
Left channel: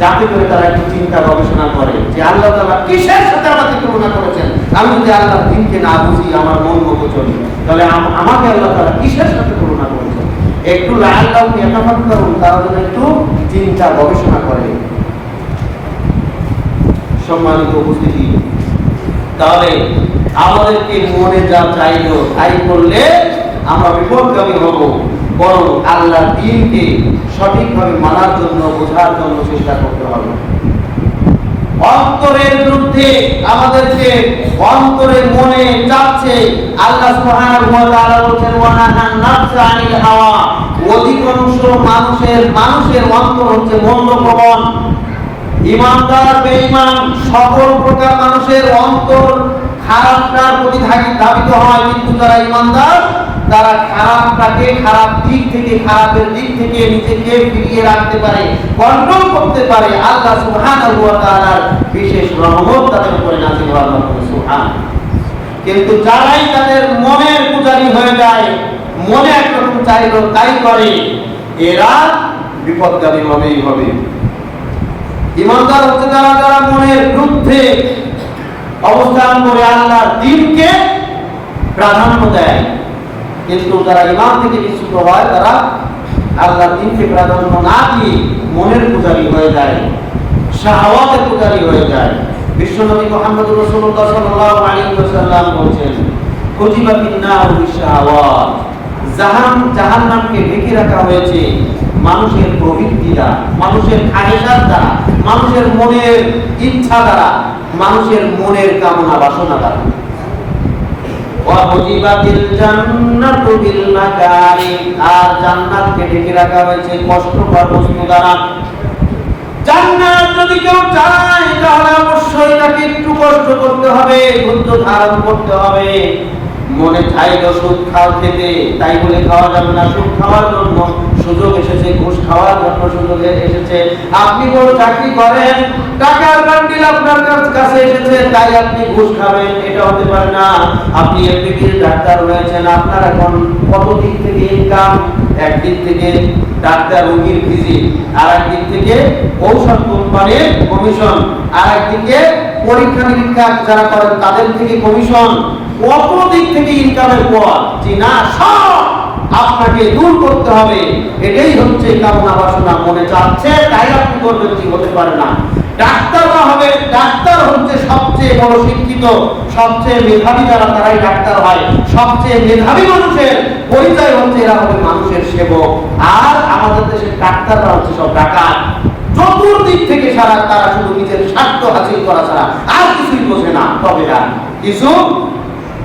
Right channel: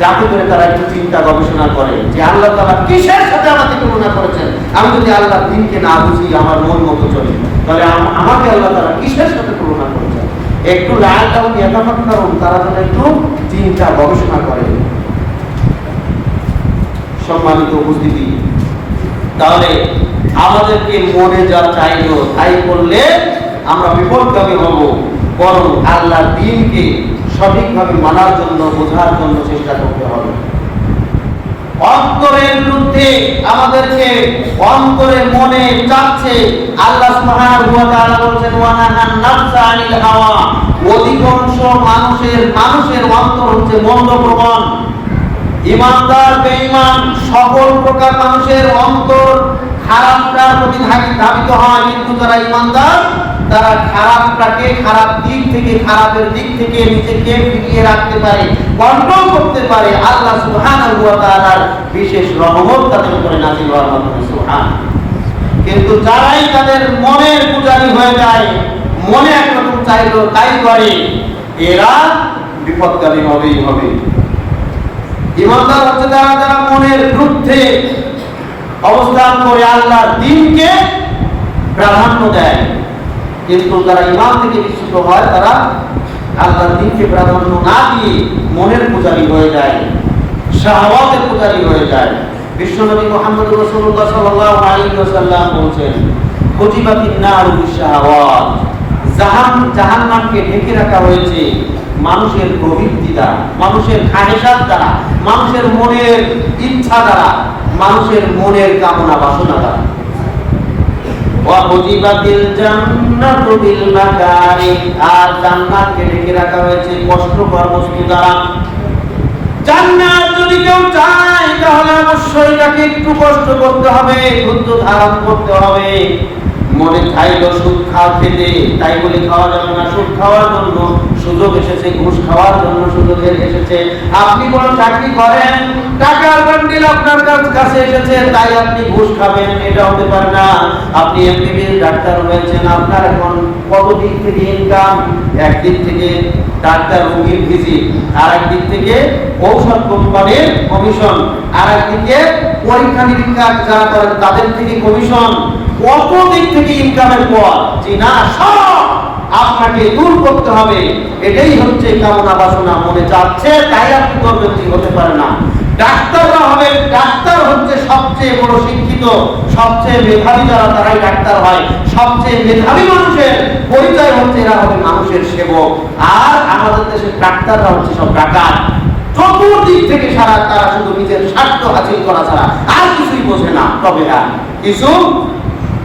যাতে করে তারা একটু চিন্তা গবেষণা করে যে আল্লাহ তাআলা কিসের সাথে আমাকে তুলনা করেছেন। আমি যদি আল্লাহর দ্বীনকে না বুঝি, আমার মন মতো চলি, তাহলে আমাকে আল্লাহ তাআলা কিসের সাথে তুলনা করেছেন। একটু লাআল্লাহুম ইয়াতাফাক্কারুন, তারা যেন একটু চিন্তা গবেষণা করে। সম্মানিত উপস্থিতি, তাহলে আমাদেরকে মনে যা চাইলো তাই করলে আমরা বিপদগামী হব, বরং আল্লাহর দ্বীনকে সঠিকভাবে মানার জন্য, বোঝার জন্য চেষ্টা করতে হবে। অন্তরের বিরুদ্ধে আমাদেরকে অন্তরে মনে চাচ্ছে, আল্লাহ সুবহানাহু ওয়া তাআলা বলেছেন ওয়ানাহান নাফসা আনিল হাওয়া, অধিকাংশ মানুষের অন্তর হচ্ছে মন্দপ্রবণ। ঈমানদার বেঈমান সকল প্রকার মানুষের অন্তর খারাপটার প্রতি ধাবিত হয়, কিন্তু যারা ঈমানদার তারা খারাপটাকে, খারাপ দিক থেকে, খারাপের দিক থেকে নিজেকে ফিরিয়ে রাখতে পারে, কন্ট্রোল করতে পারে। আল্লাহ সুবহানাহু ওয়া তাআলার বিশেষ রহমত তাদের উপরে নাযিল হওয়ার মাধ্যমে। সুবহান। কিন্তু যারাই তাদের মনের পূজারী হয়ে যায়, মনে একরকম চাইলো তাই করে, এরা বিপদগামী হবেই হবে। ঈমানদার হচ্ছে তারা যারা মনের বিরুদ্ধে অবস্থান করে আল্লাহর দ্বীনকে প্রাধান্য দেয়, কিন্তু যারা ঈমান থেকে বিচ্যুত হয় তারা আল্লাহর দ্বীনকে প্রাধান্য না দিয়ে মনের পূজারী হয়ে যায়, শাহওয়াতের পূজারী হয়ে যায়। বিশ্বনবী মুহাম্মদ রাসূলুল্লাহ সাল্লাল্লাহু আলাইহি ওয়াসাল্লাম বলেছেন, কুতিবাতিন নারু বিশাহাওয়াত, জাহান্নামকে ঢেকে রাখা হয়েছে মানুষের প্রবৃত্তি দ্বারা, মানুষের খাহেশাত দ্বারা, মানুষের মনের ইচ্ছা দ্বারা, মানুষের মনের কামনা বাসনা দ্বারা। ওয়া কুতিবাতিল জান্নাতু বিল মাকারিহ, আর জান্নাতকে ঢেকে রাখা হয়েছে কষ্টকর বস্তু দ্বারা। জান্নাত যদি কেউ চায় তাহলে অবশ্যই তাকে একটু কষ্ট করতে হবে, ধৈর্য ধারণ করতে হবে। মনে চাইলো সুদ খেতে, তাই বলে খাওয়া যাবে না। সুদ খাওয়ার জন্য সুযোগ এসেছে, ঘুষ খাওয়ার জন্য সুযোগ এসেছে। আপনি বড় চাকরি করেন, টাকার বান্ডিল আপনার কাছে এসেছে, তাই আপনি ঘুষ খাবেন, এটা হতে পারে না। আপনি এমবিবিএস ডাক্তার হয়েছেন, আপনার এখন কত দিক থেকে ইনকাম? একদিক থেকে ডাক্তার রোগীর ভিজিট, আর একদিক থেকে ঔষধ কোম্পানির কমিশন, আর একদিকে পরীক্ষা নিরীক্ষা যারা করেন তাদের থেকে কমিশন। কত দিক থেকে ইনকামের পথ যে না সব আপনাকে দূর করতে হবে। এটাই হচ্ছে কামনা বাসনা, মনে চাচ্ছে তাই আপনি করবেন, কি হতে পারে না। ডাক্তাররা হবে, ডাক্তার হচ্ছে সবচেয়ে বড় শিক্ষিত, সবচেয়ে মেধাবী যারা তারাই ডাক্তার হয়। সবচেয়ে মেধাবী মানুষের পরিচয় হচ্ছে এরা হবে মানুষের সেবক। আর আমাদের দেশের ডাক্তাররা হচ্ছে সব ডাকাত। চতুর্দিক থেকে সারা তারা শুধু নিজের স্বার্থ হাসিল করা ছাড়া আর কিছুই বোঝে না। তবে কিছু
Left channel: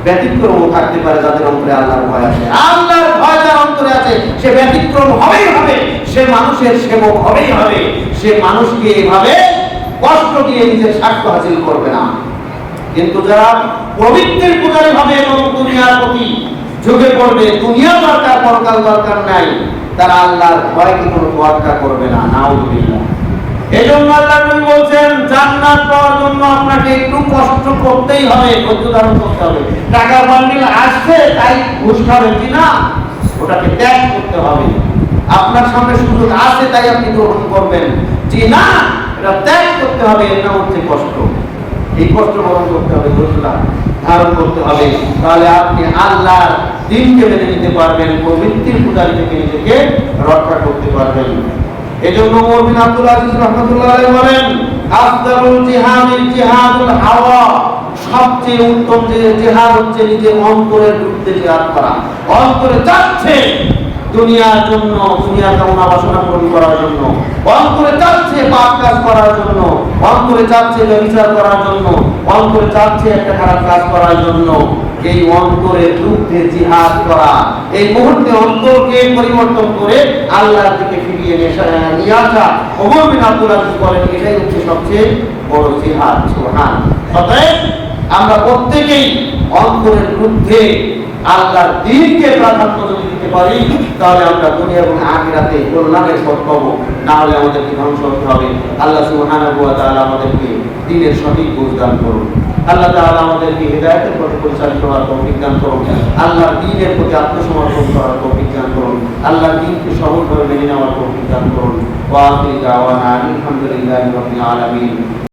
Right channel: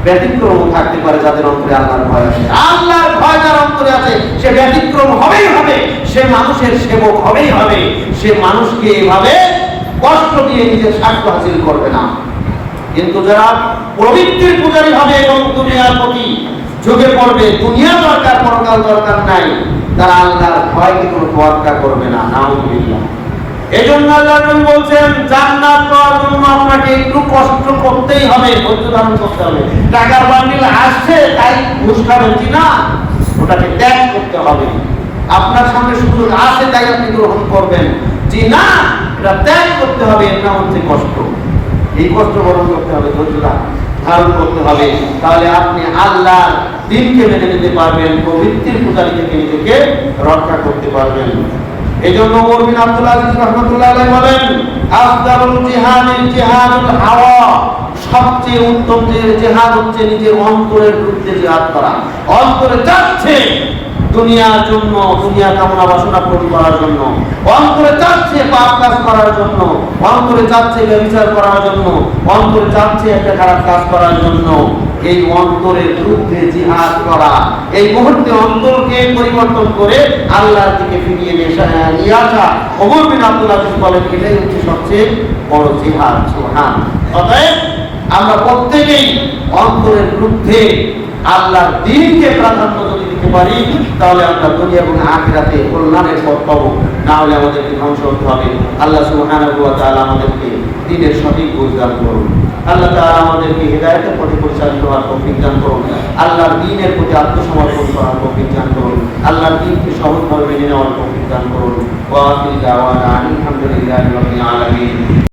ব্যতিক্রম থাকতে পারে যাদের অন্তরে আল্লাহর ভয় আছে। আল্লাহর ভয় যার অন্তরে আছে সে ব্যতিক্রম হবেই হবে, সে মানুষের সেবক হবেই হবে। সে মানুষকে এইভাবে কষ্ট দিয়ে নিজের স্বার্থ হাসিল করবে না। কিন্তু যারা প্রবৃত্তির পূজারী হবে এবং দুনিয়ার প্রতি ঝুঁকে পড়বে, দুনিয়া দরকার পরকাল দরকার নাই, তারা আল্লাহর ভয়কে কোনো তোয়াক্কা করবে না। নাউযুবিল্লাহ। এজন্য আল্লাহ নবী বলছেন জান্নাত পাওয়ার জন্য আপনাকে একটু কষ্ট করতেই হবে, ধৈর্য ধারণ করতে হবে। টাকার বান্ডিল আসছে তাই ঘুষ খাবেন কি না, ওটাকে ত্যাগ করতে হবে। আপনার সামনে সুযোগ আছে তাই আপনি গ্রহণ করবেন জি না, এটা ত্যাগ করতে হবে। এর নাম হচ্ছে কষ্ট। এই কষ্ট গ্রহণ করতে হবে, ধৈর্য ধারণ করতে হবে। তাহলে আপনি আল্লাহর দ্বীনকে মেনে নিতে পারবেন, প্রবৃত্তির পূজারী থেকে নিজেকে রক্ষা করতে পারবেন। এজন্য ওমর বিন আব্দুল আজিজ রাহমাতুল্লাহ আলাইহি বলেন আফদালুল জিহাদিল জিহাদুল হাওয়া, সবচেয়ে উত্তম যে জিহাদ হচ্ছে নিজের অন্তরের বিরুদ্ধে জিহাদ করা। অন্তরে চাচ্ছে দুনিয়ার জন্য, দুনিয়া কামনা বাসনা পূরণ করার জন্য, অন্তরে চাচ্ছে পাপ কাজ করার জন্য, অন্তরে চাচ্ছে ব্যভিচার করার জন্য, অন্তরে চাচ্ছে একটা খারাপ কাজ করার জন্য। এই অন্তরের বিরুদ্ধে জিহাদ করা, এই মুহূর্তে অন্তরকে পরিবর্তন করে আল্লাহর দিকে ফিরিয়ে নিয়ে আসা। ওমর বিন আব্দুল আজিজ বলেন এটাই হচ্ছে সবচেয়ে বড় জিহাদ। সুবহান। অতএব আমরা প্রত্যেকেই অন্তরের বিরুদ্ধে আল্লাহর দ্বীনকে প্রাধান্য যদি দিতে পারি, তাহলে আমরা দুনিয়া এবং আখিরাতে কল্যাণের পথ পাবো। না হলে আমাদেরকে ধ্বংস হতে হবে। আল্লাহ সুবহানাহু ওয়া তাআলা আমাদেরকে দ্বীনের সঠিক বুঝ দান করুন। আল্লাহ তাআলা আমাদেরকে হিদায়াতের পথে পরিচালিত করার তৌফিক দান করুন। আল্লাহর দ্বীনের প্রতি আত্মসমর্পণ করার তৌফিক দান করুন। আল্লাহর দ্বীনকে সহজভাবে মেনে নেওয়ার তৌফিক দান করুন। ওয়া আখিরু দাওয়ানা আলহামদুলিল্লাহি রাব্বিল আলামিন।